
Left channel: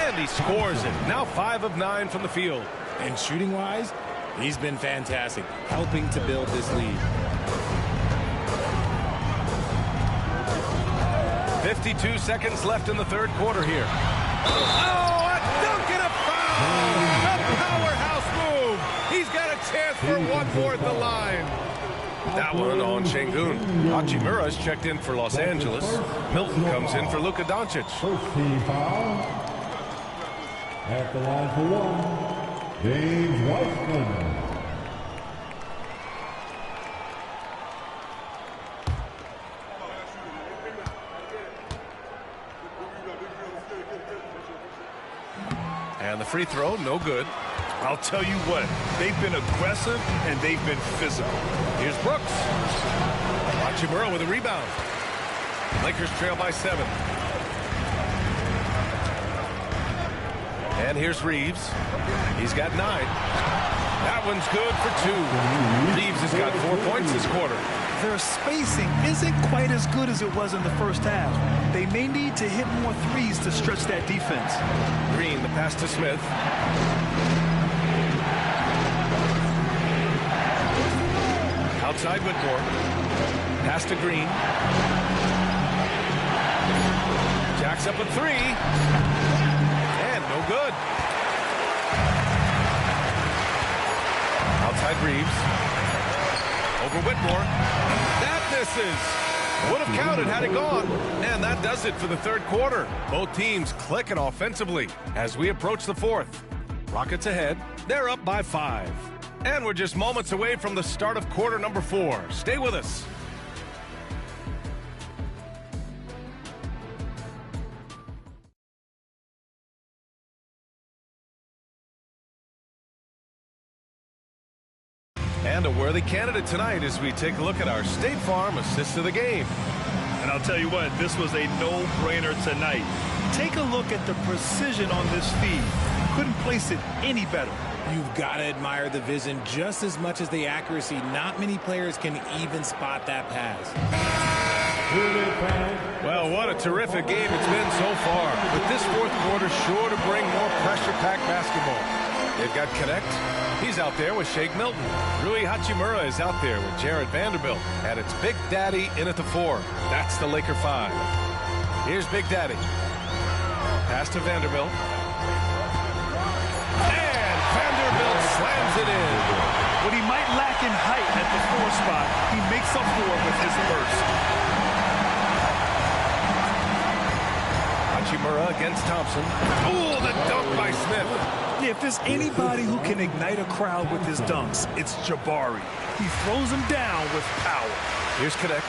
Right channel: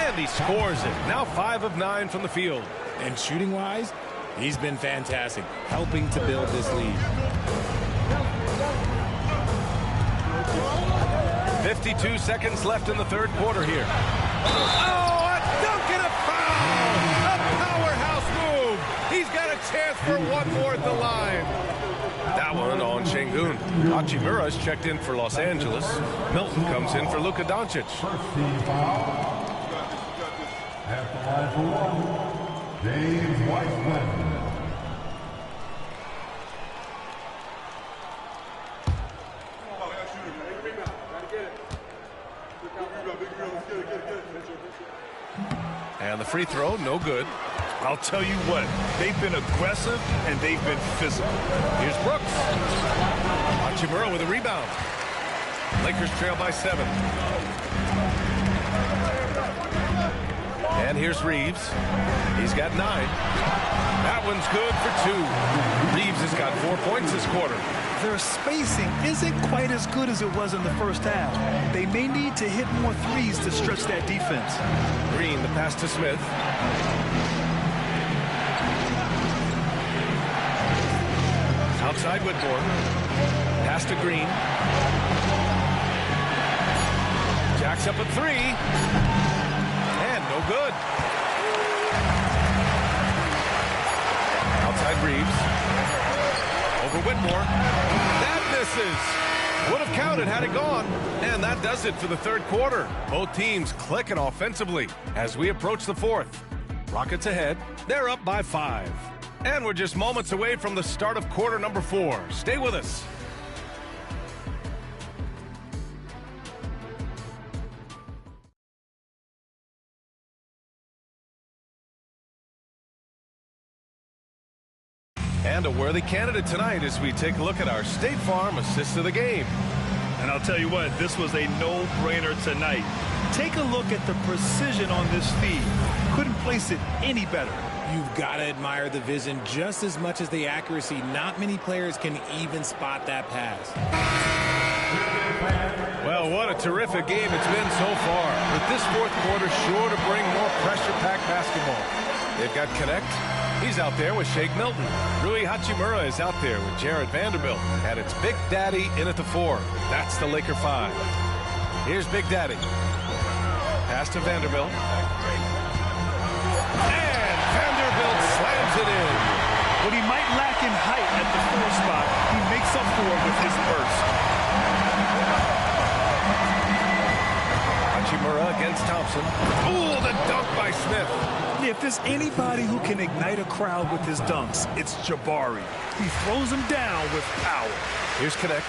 And he scores it. Now 5 of 9 from the field. And shooting-wise, he's been fantastic, helping to build this lead. 52 seconds left in the third quarter here. Oh, a dunk and a foul! A powerhouse move! He's got a chance for one more at the line. That one on Şengün. Hachimura's checked in for Los Angeles. Milton comes in for Luka Doncic. First team foul. At the line for 1, James Wiseman. And the free throw, no good. I'll tell you what, they've been aggressive and they've been physical. Here's Brooks. Hachimura with a rebound. Lakers trail by 7. And here's Reeves. He's got 9. That one's good for 2. Reeves has got 4 points this quarter. Their spacing isn't quite as good as it was in the first half. They may need to hit more threes to stretch that defense. Green, the pass to Smith. Outside Whitmore. Pass to Green. Jacks up a 3. And no good. Outside Reeves. Over Whitmore. That misses. Would have counted had it gone. And that does it for the third quarter. Both teams clicking offensively as we approach the fourth. Rockets ahead. They're up by 5. And we're just moments away from the start of quarter number 4. Stay with us. And a worthy candidate tonight as we take a look at our State Farm assist of the game. And I'll tell you what, this was a no-brainer tonight. Take a look at the precision on this feed. Couldn't place it any better. You've got to admire the vision just as much as the accuracy. Not many players can even spot that pass. Well, what a terrific game it's been so far. With this fourth quarter sure to bring more pressure-packed basketball. They've got Connect. He's out there with Shake Milton. Rui Hachimura is out there with Jared Vanderbilt. And it's Big Daddy in at the 4. That's the Laker 5. Here's Big Daddy. Pass to Vanderbilt. And Vanderbilt slams it in. What he might lack in height at the 4 spot, he makes up for it with his burst. Hachimura against Thompson. Oh, the dunk by Smith. Yeah, if there's anybody who can ignite a crowd with his dunks, it's Jabari. He throws them down with power. Here's Connect.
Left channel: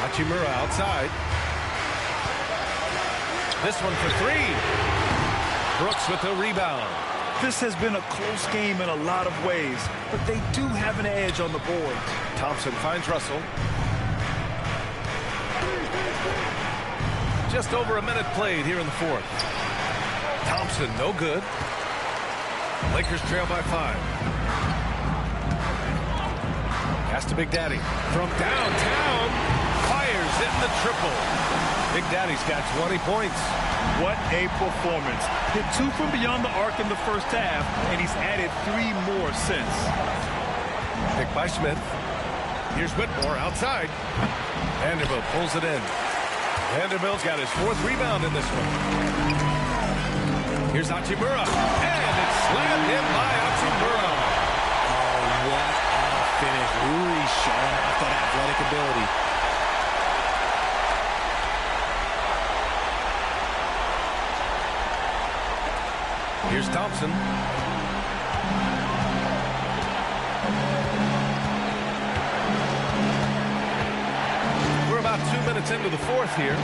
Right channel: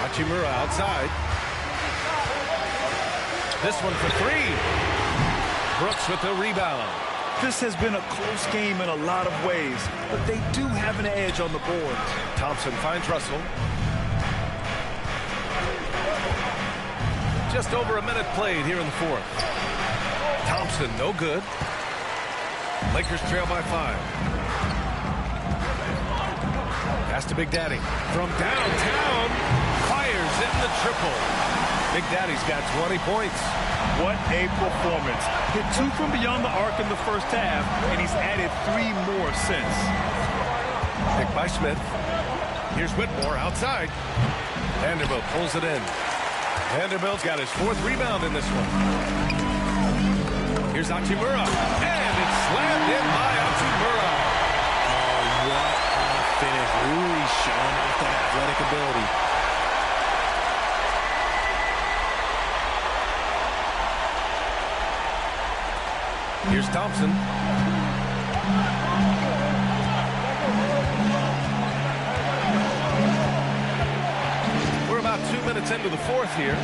Hachimura outside. This one for 3. Brooks with the rebound. This has been a close game in a lot of ways, but they do have an edge on the boards. Thompson finds Russell. just over a minute played here in the fourth. Thompson, no good. Lakers trail by 5. Pass to Big Daddy. From downtown, fires in the triple. Big Daddy's got 20 points. What a performance. Hit 2 from beyond the arc in the first half, and he's added 3 more since. Pick by Smith. Here's Whitmore outside. Vanderbilt pulls it in. Vanderbilt's got his 4th rebound in this one. Here's Hachimura. And it's slammed in by Hachimura. Oh, what a finish. Uri showing off that athletic ability. Here's Thompson. We're about 2 minutes into the fourth here.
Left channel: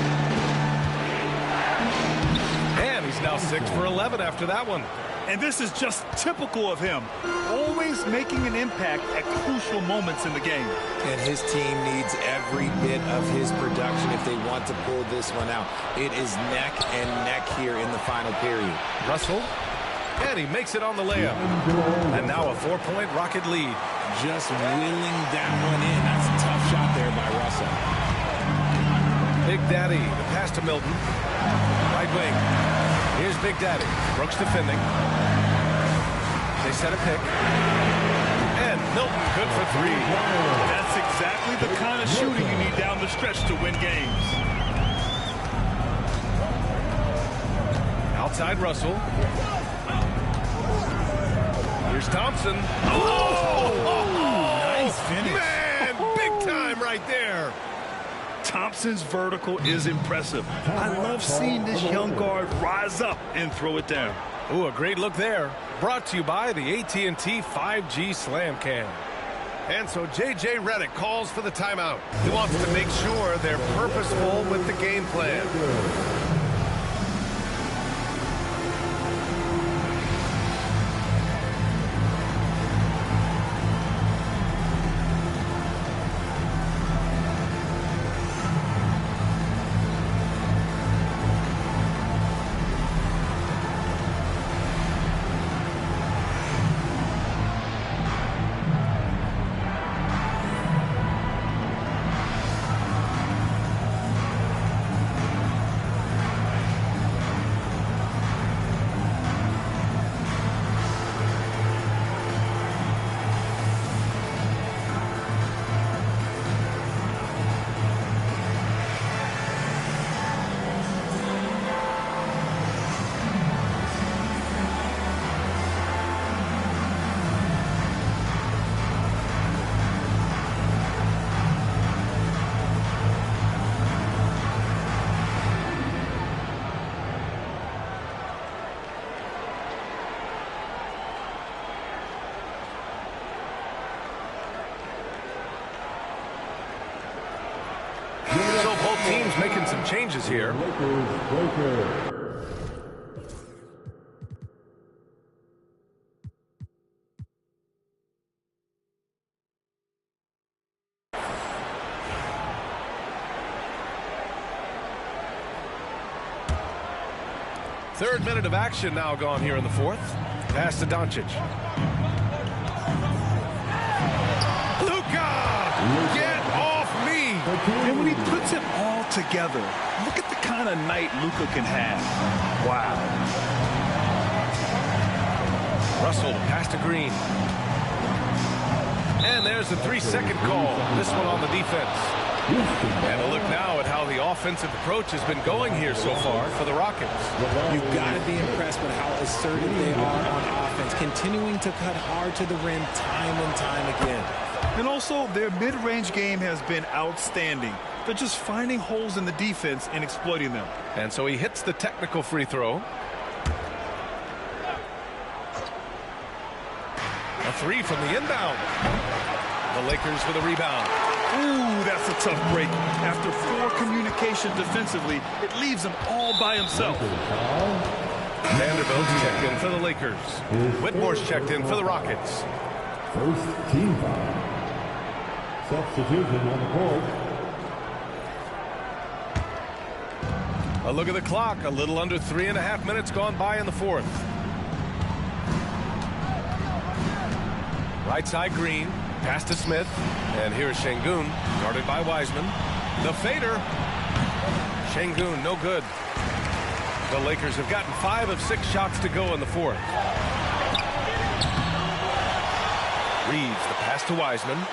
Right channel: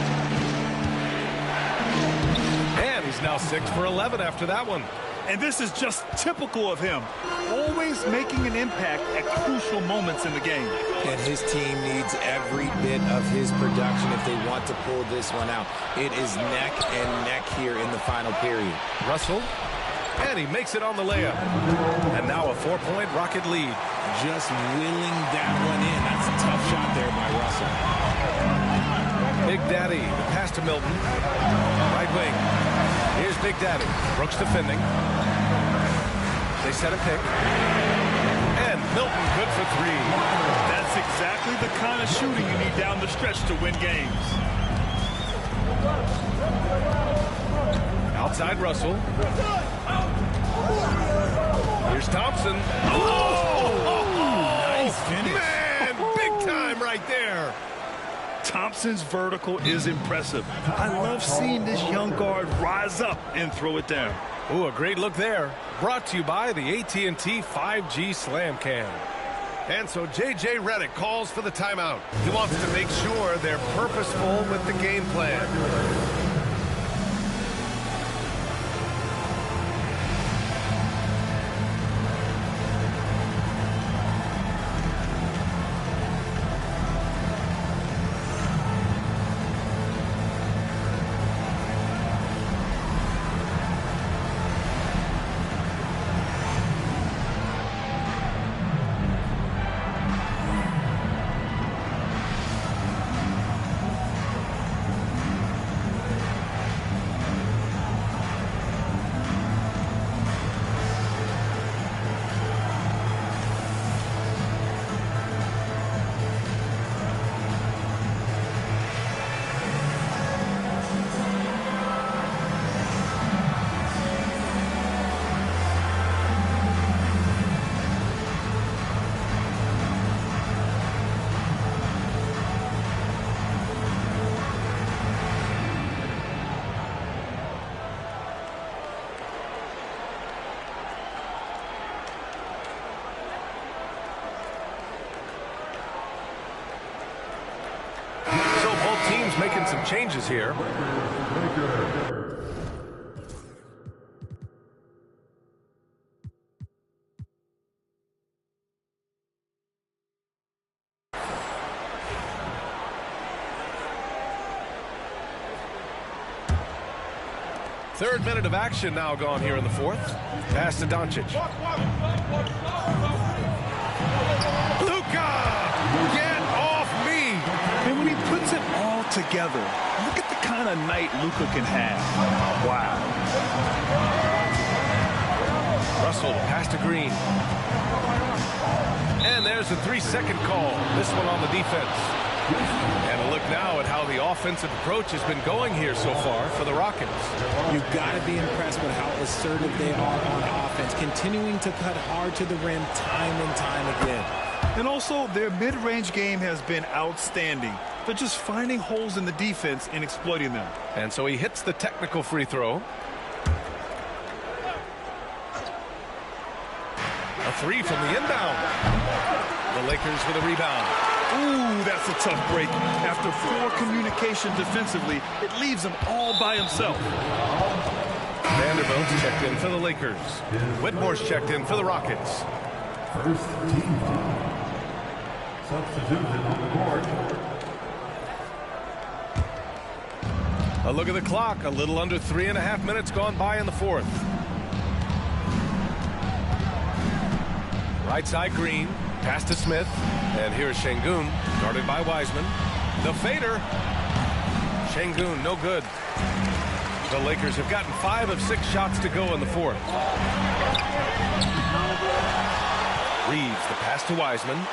And he's now 6 for 11 after that one. And this is just typical of him. Always making an impact at crucial moments in the game. And his team needs every bit of his production if they want to pull this one out. It is neck and neck here in the final period. Russell. And he makes it on the layup. And now a 4-point Rocket lead. Just willing that one in. That's a tough shot there by Russell. Big Daddy, the pass to Milton. Right wing. Here's Big Daddy. Brooks defending. They set a pick. And Milton good for 3. That's exactly the kind of shooting you need down the stretch to win games. Outside Russell. Here's Thompson. Oh, nice finish. Man, big time right there. Thompson's vertical is impressive. I love seeing this young guard rise up and throw it down. Ooh, a great look there. Brought to you by the AT&T 5G Slam Cam. And so J.J. Redick calls for the timeout. He wants to make sure they're purposeful with the game plan. So both teams making some changes here. Third minute of action now gone here in the fourth. Pass to Doncic. Luka! Get off me! And when he puts it all together, look at the kind of night Luka can have. Wow. Russell, pass to Green. And there's a 3-second call. This one on the defense. And a look now at how the offensive approach has been going here so far for the Rockets. You've got to be impressed with how assertive they are on offense, continuing to cut hard to the rim time and time again. And also, their mid-range game has been outstanding. They're just finding holes in the defense and exploiting them. And so he hits the technical free throw. A 3 from the inbound. The Lakers with a rebound. Ooh, that's a tough break. After poor communication defensively, it leaves him all by himself. Vanderbilt checked in for the Lakers. Whitmore's checked in for the Rockets. First team foul. Substitution on the court. A look at the clock. A little under 3.5 minutes gone by in the fourth. Right side, Green. Pass to Smith. And here's Şengün, guarded by Wiseman. The fader. Şengün, no good. The Lakers have gotten 5 of 6 shots to go in the fourth. Reeves, the pass to Wiseman.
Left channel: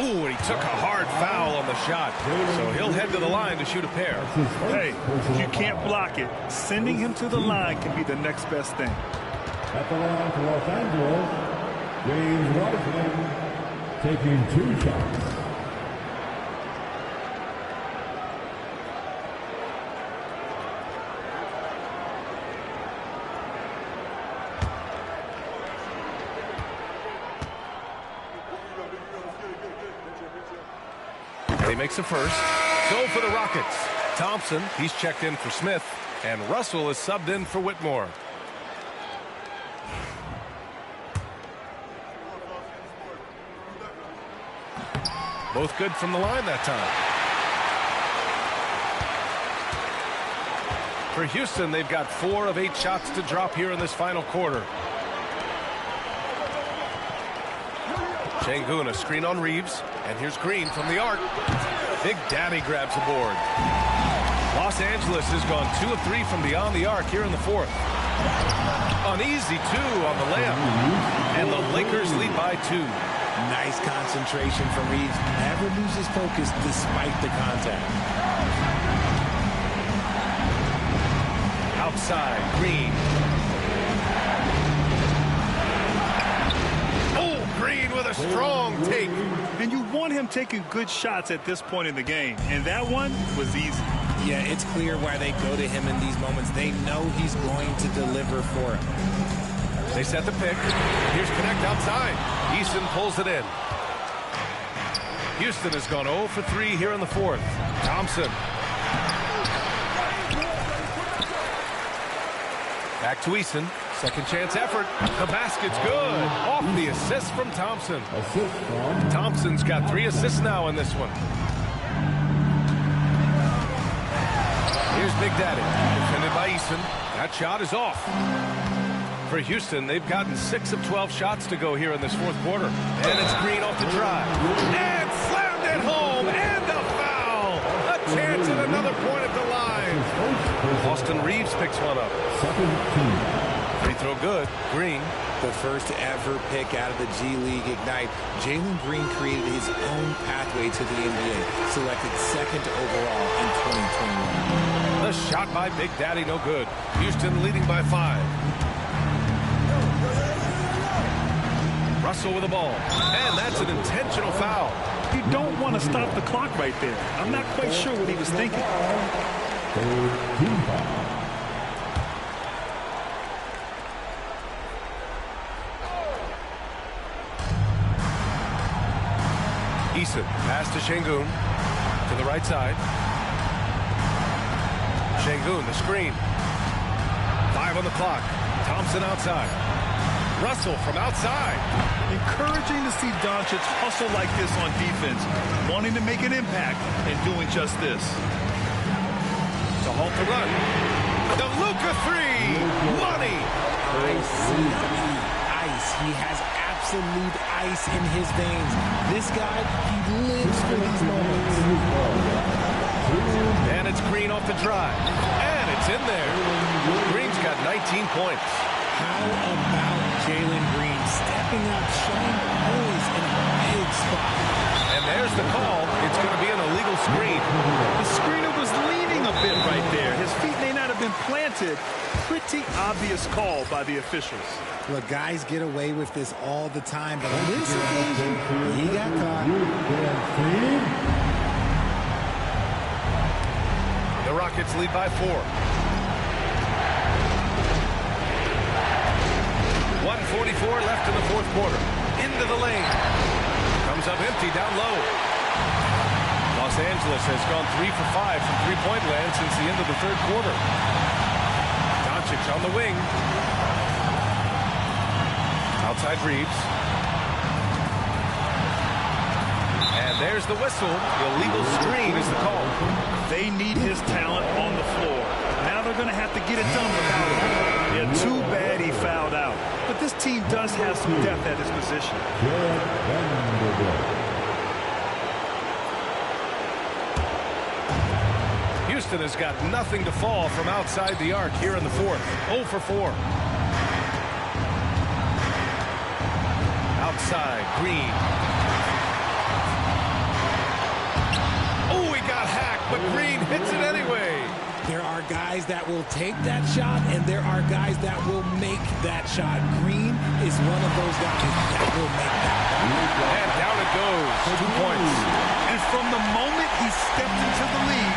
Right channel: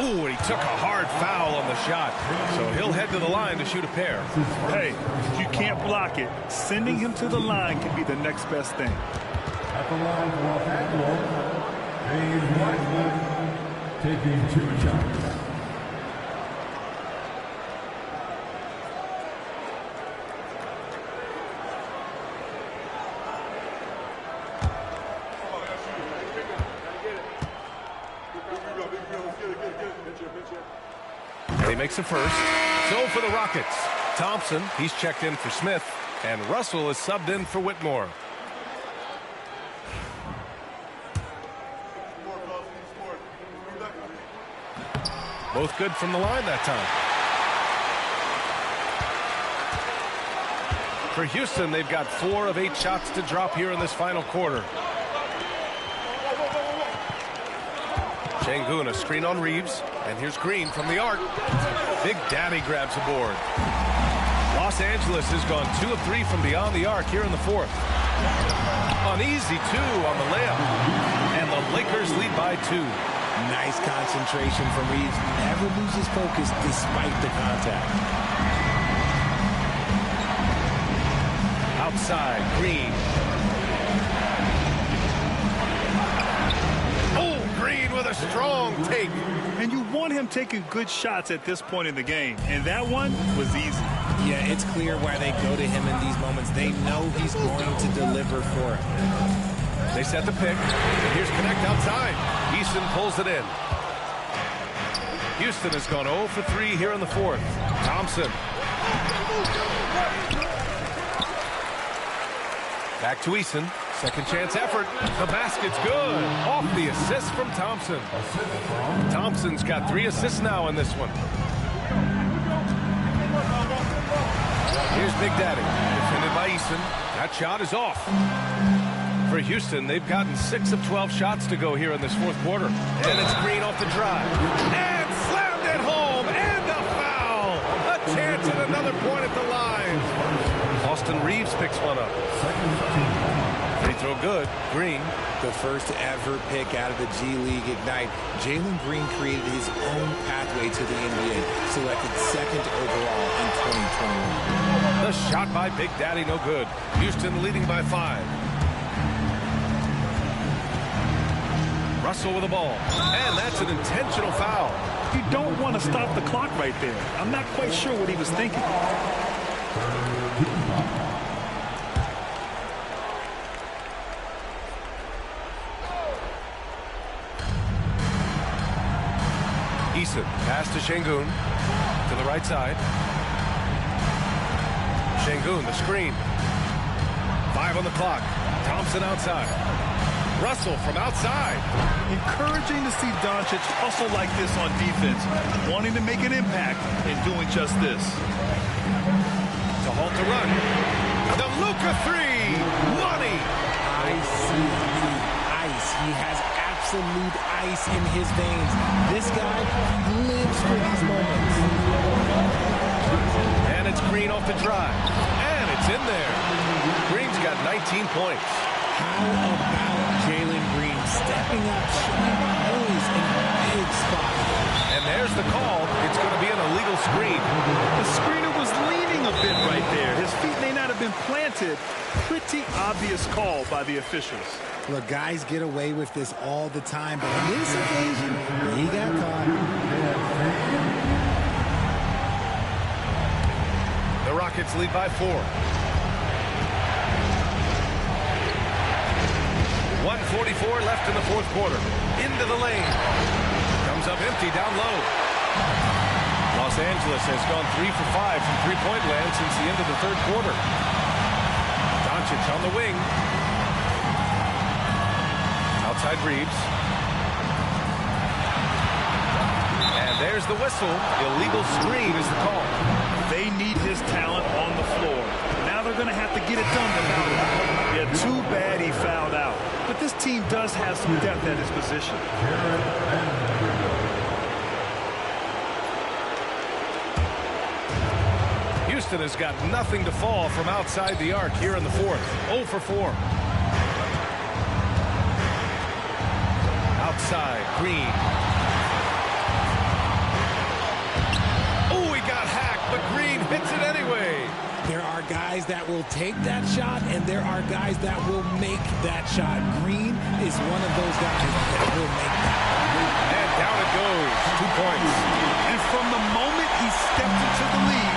Ooh, and he took a hard foul on the shot. So he'll head to the line to shoot a pair. Hey, if you can't block it, sending him to the line can be the next best thing. At the line for Los Angeles, James Wiseman taking 2 shots. He makes a first. So for the Rockets, Thompson, he's checked in for Smith, and Russell is subbed in for Whitmore. Both good from the line that time. For Houston, they've got 4 of 8 shots to drop here in this final quarter. Şengün, a screen on Reeves, and here's Green from the arc. Big Daddy grabs a board. Los Angeles has gone 2 of 3 from beyond the arc here in the fourth. An easy 2 on the layup, and the Lakers lead by 2. Nice concentration from Reeves. Never loses focus despite the contact. Outside, Green. Oh, Green with a strong take. And you want him taking good shots at this point in the game. And that one was easy. Yeah, it's clear why they go to him in these moments. They know he's going to deliver for him. They set the pick. And here's Connect outside. Easton pulls it in. Houston has gone 0 for 3 here in the fourth. Thompson. Back to Easton. Second chance effort. The basket's good. Off the assist from Thompson. Thompson's got 3 assists now in this one. Here's Big Daddy. Defended by Easton. That shot is off. For Houston, they've gotten 6 of 12 shots to go here in this fourth quarter. And it's Green off the drive. And slammed it home. And a foul. A chance at another point at the line. Austin Reeves picks one up. Free throw good. Green. The first ever pick out of the G League Ignite. Jalen Green created his own pathway to the NBA. Selected 2nd overall in 2021. The shot by Big Daddy, no good. Houston leading by 5. Russell with the ball. And that's an intentional foul. You don't want to stop the clock right there. I'm not quite sure what he was thinking. Easton, pass to Şengün. To the right side. Şengün, the screen. 5 on the clock. Thompson outside. Russell from outside. Encouraging to see Doncic hustle like this on defense, wanting to make an impact and doing just this. To halt the run. The Luka 3. Money. Ice. He has absolute ice in his veins. This guy, he lives for these moments. And it's Green off the drive. And it's in there. Green's got 19 points. How about Jalen Green stepping up, showing poise in a big spot? And there's the call. It's going to be an illegal screen. The screener was leaning a bit right there. His feet may not have been planted. Pretty obvious call by the officials. Look, guys get away with this all the time, but on this occasion, he got caught. The Rockets lead by 4. 1:44 left in the fourth quarter. Into the lane. Comes up empty down low. Los Angeles has gone 3 for 5 from three-point land since the end of the third quarter. Doncic on the wing. Outside Reeves. And There's the whistle. Illegal screen is the call. They need his talent on the floor. Now they're going to have to get it done without him. Yeah, too bad he fouled out. But this team does have some depth at his position. Houston has got nothing to fall from outside the arc here in the fourth. 0 for 4. Outside, Green. Oh, he got hacked, but Green hits it anyway. There are guys that will take that shot, and there are guys that will make that shot. Green is one of those guys that will make that one. And down it goes. 2 points. And from the moment he stepped into the league,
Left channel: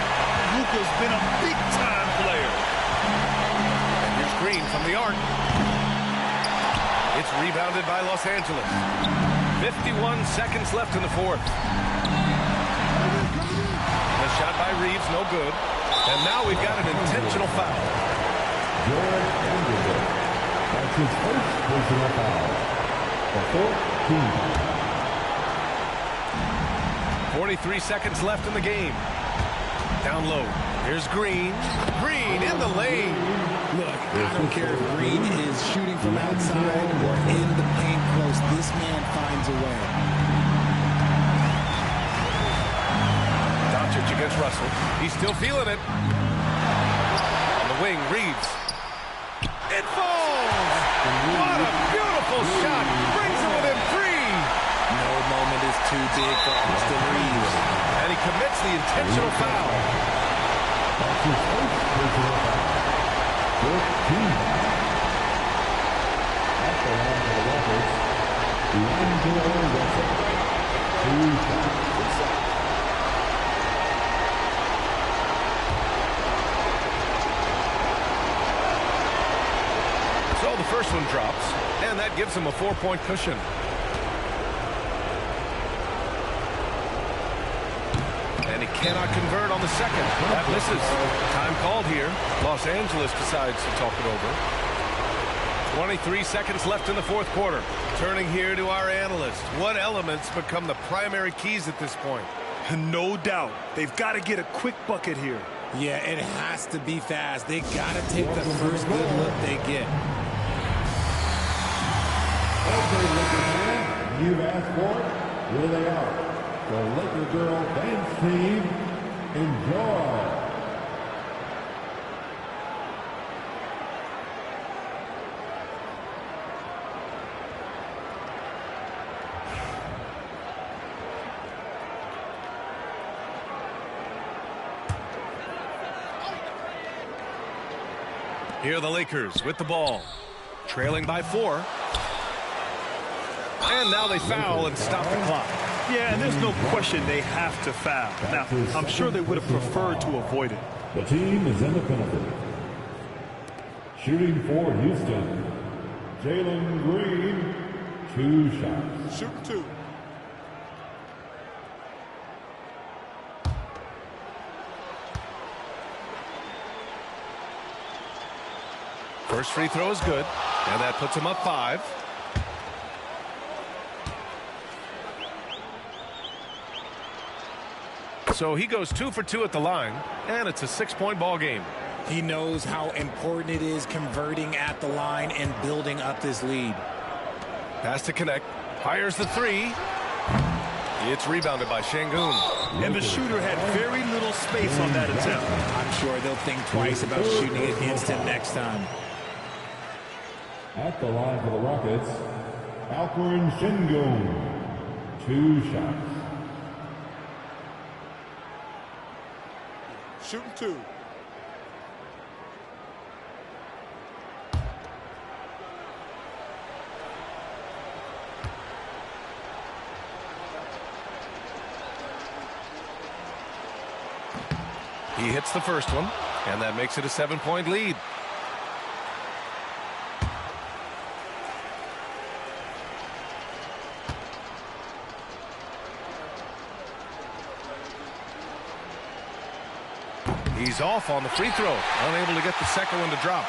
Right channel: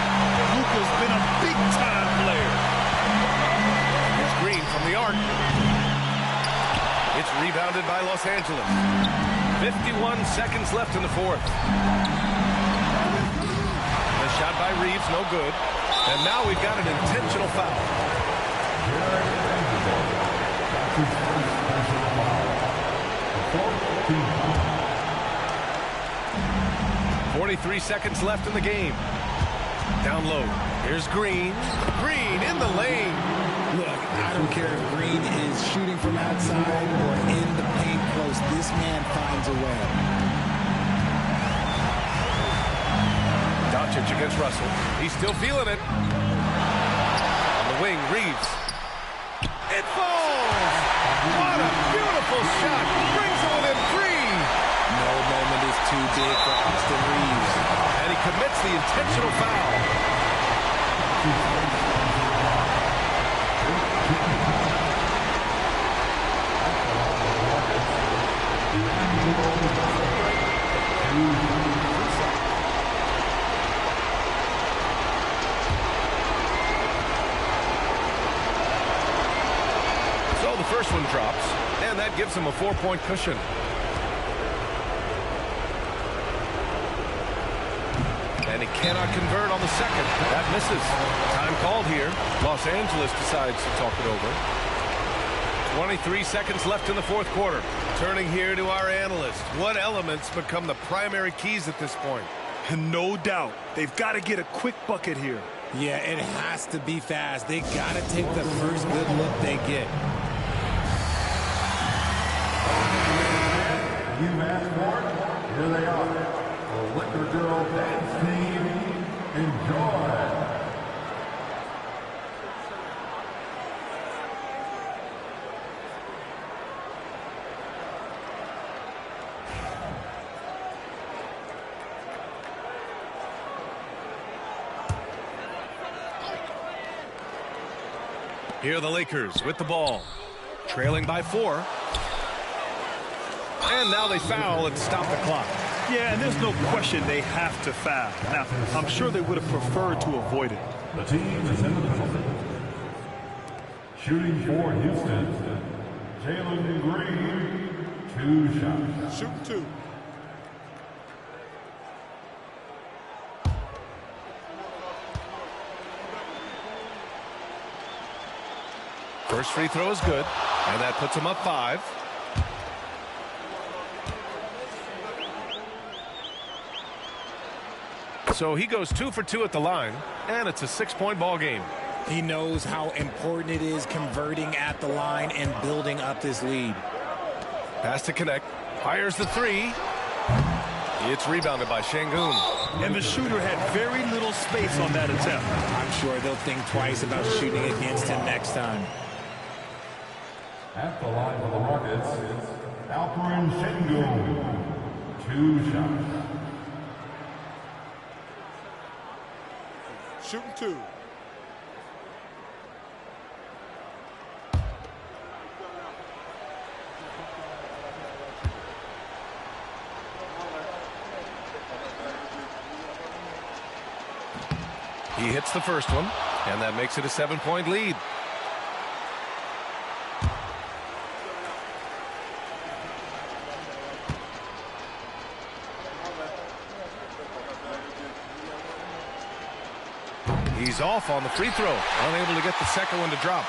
Luka's been a big-time player. And here's Green from the arc. It's rebounded by Los Angeles. 51 seconds left in the fourth. The shot by Reeves, no good. And now we've got an intentional foul. That's his first personal foul. The 14th. 43 seconds left in the game. Down low. Here's Green. Green in the lane. Look, I don't care if Green is shooting from outside or in the paint close. This man finds a way. Doncic against Russell. He's still feeling it. On the wing, Reeves. It falls! What a beautiful shot! Brings it within 3. No moment is too big for Austin Reeves. And he commits the intentional foul. That's his first personal foul. 15th. That's the line for the Rockets. So the first one drops, and that gives him a 4-point cushion. And he cannot convert on the second. That misses. Time called here. Los Angeles decides to talk it over. 23 seconds left in the fourth quarter. Turning here to our analyst. What elements become the primary keys at this point? No doubt. They've got to get a quick bucket here. Yeah, it has to be fast. They got to take the first good look they get. Okay, Lakers fans, you've asked for it. Here they are. The Laker Girl Dance Team. Enjoy. Here are the Lakers with the ball. Trailing by 4. And now they foul and stop the clock. Yeah, and there's no question they have to foul. Now, I'm sure they would have preferred to avoid it. The team is in the penalty. Shooting for Houston. Jalen Green, 2 shots. Shooting 2. First free throw is good, and that puts him up 5. So he goes 2 for 2 at the line, and it's a 6-point ball game. He knows how important it is converting at the line and building up this lead. Pass to connect. Fires the 3. It's rebounded by Şengün. And the shooter had very little space on that attempt. I'm sure they'll think twice about shooting against him next time. At the line for the Rockets, Alperen Şengün, 2 shots. Shooting 2. He hits the first one, and that makes it a 7-point lead. He's off on the free throw, unable to get the second one to drop.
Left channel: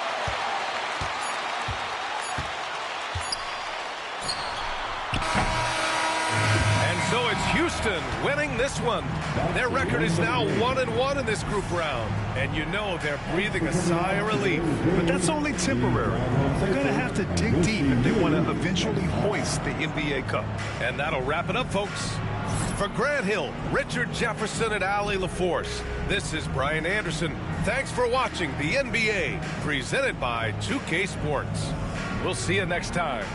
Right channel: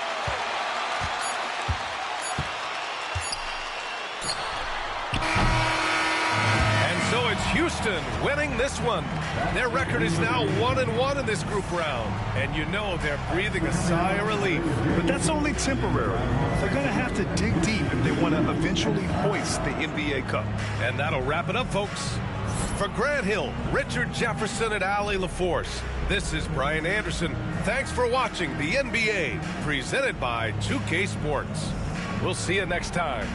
And so it's Houston Houston winning this one. Their record is now 1-1 in this group round. And you know they're breathing a sigh of relief. But that's only temporary. They're going to have to dig deep if they want to eventually hoist the NBA Cup. And that'll wrap it up, folks. For Grant Hill, Richard Jefferson, and Allie LaForce, this is Brian Anderson. Thanks for watching the NBA, presented by 2K Sports. We'll see you next time.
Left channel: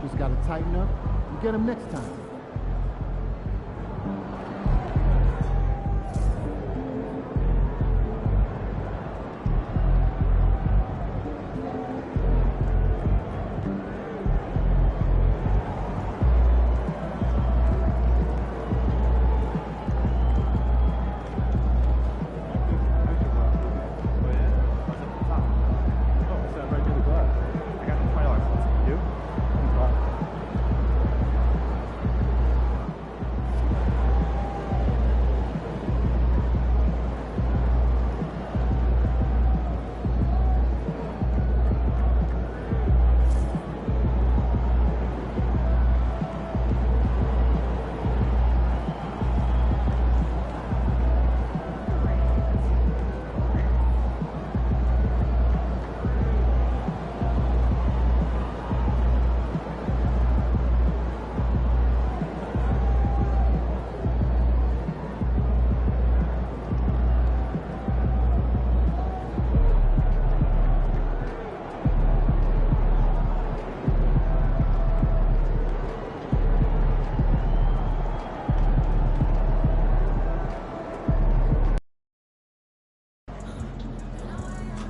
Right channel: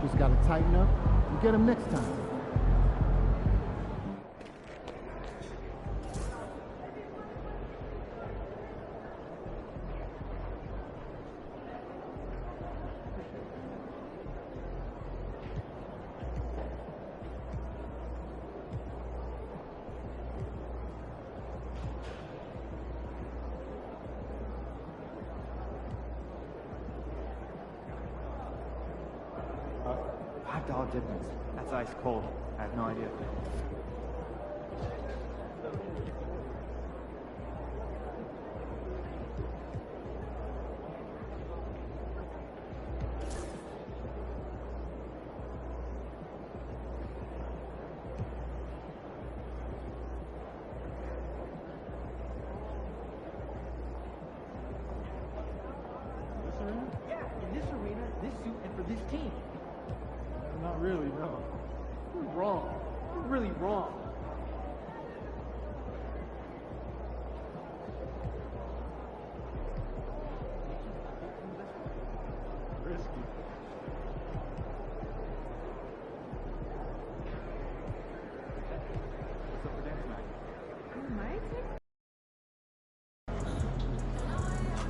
Just got to tighten up and get him next time.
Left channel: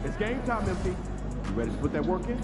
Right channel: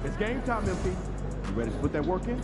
It's game time, MP. You ready to put that work in?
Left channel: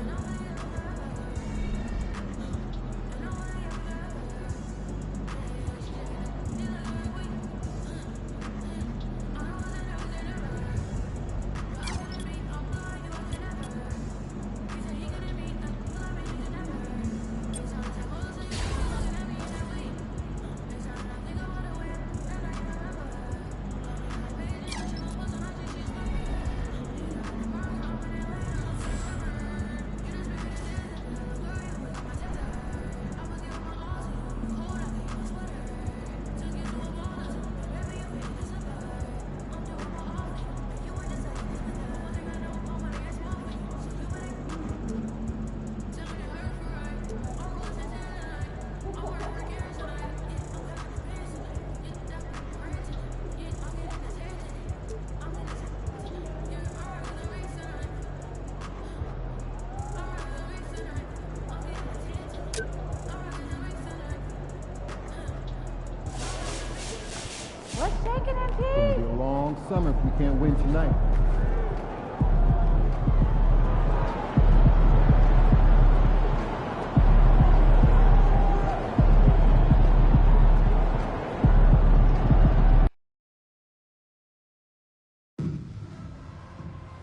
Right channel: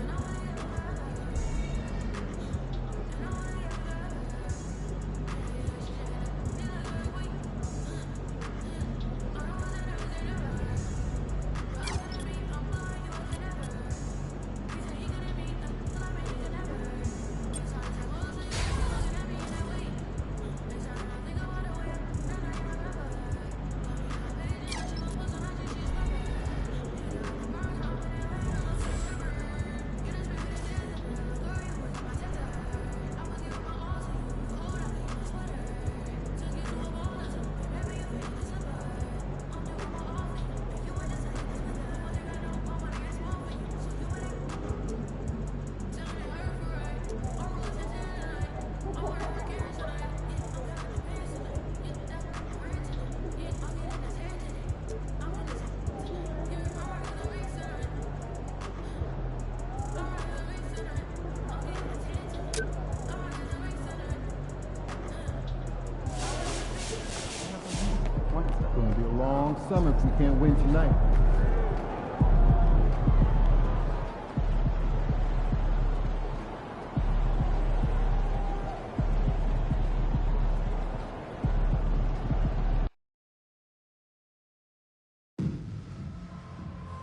It's going to be a long summer if we can't win tonight.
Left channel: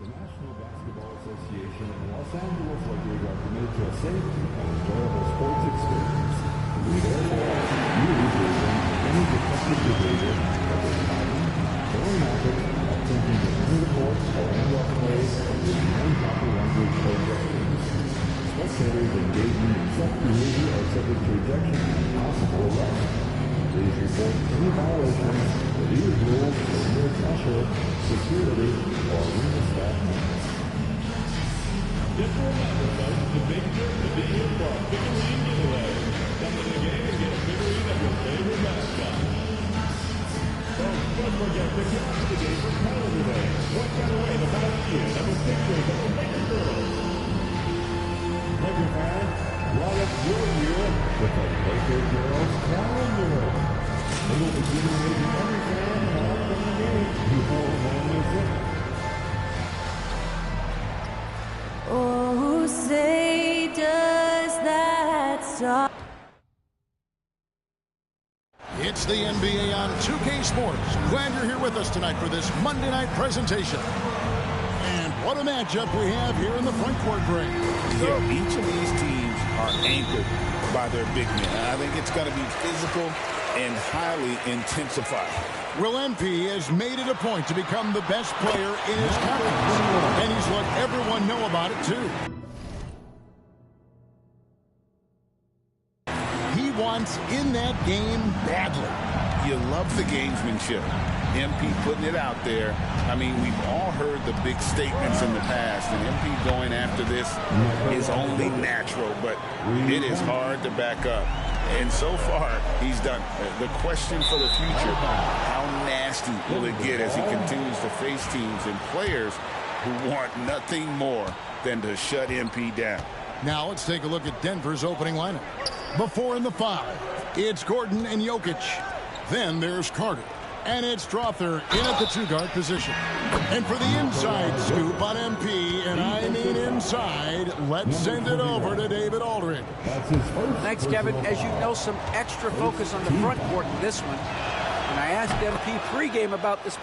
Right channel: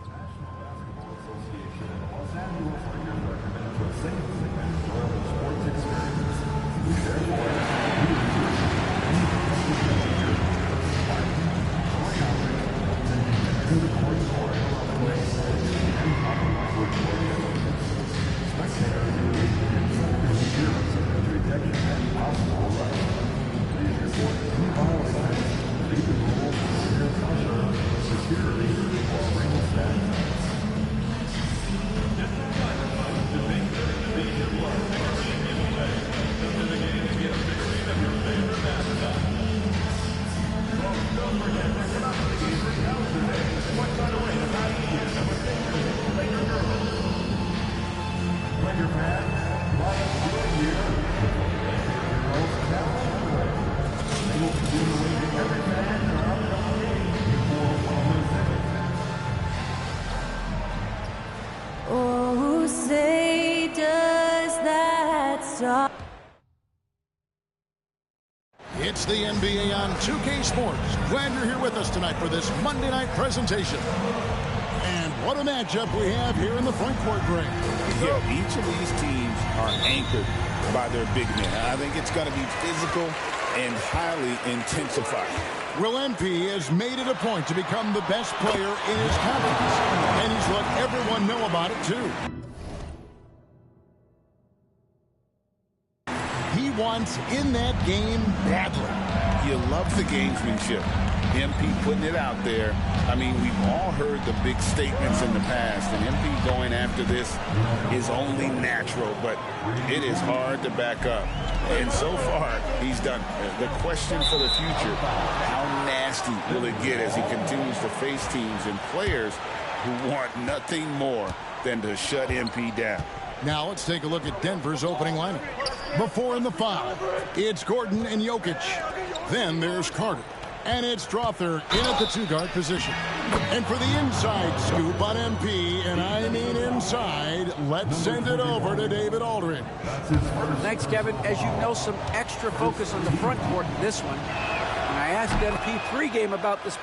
The National Basketball Association and the Los Angeles Lakers are committed to a safe and enjoyable sports experience. We therefore ask you to refrain from any disruptive behavior, such as fighting, throwing objects, attempting to enter the court, or interrupt play, or using improper language or gestures. Spectators engaging in such behavior are subject to ejection and possible arrest. Please report any violations to these rules to the nearest usher, security, or arena staff. Just a reminder, folks, the big trick to be here for our figurine giveaway. Come to the game and get a figurine of your favorite mascot. Folks, don't forget to come out to the game for calendar day. Watch right away the past year that was pictures of the Laker girls. Laker fans, light up your year with the Laker Girls Calendar Day. They will be giving away to every fan in our upcoming games before May 6th. Oh, say does that stop? It's the NBA on 2K Sports. Glad you're here with us tonight for this Monday night presentation. And what a matchup we have here in the front court break. Yeah, each of these teams are anchored by their big men. I think it's going to be physical and highly intensified. Will MP has made it a point to become the best player in his conference, and he's let everyone know about it, too. He wants in that game badly. You love the gamesmanship. MP putting it out there. I mean, we've all heard the big statements in the past, and MP going after this is only natural, but it is hard to back up. And so far, he's done. The question for the future, how nasty will it get as he continues to face teams and players who want nothing more than to shut MP down? Now let's take a look at Denver's opening lineup. Before in the 5, it's Gordon and Jokic. Then there's Carter. And it's Strother in at the 2-guard position. And for the inside scoop on MP, and I mean inside, let's send it over to David Aldridge. Thanks, Kevin. As you know, some extra focus on the front court in this one. When I asked MP pregame about this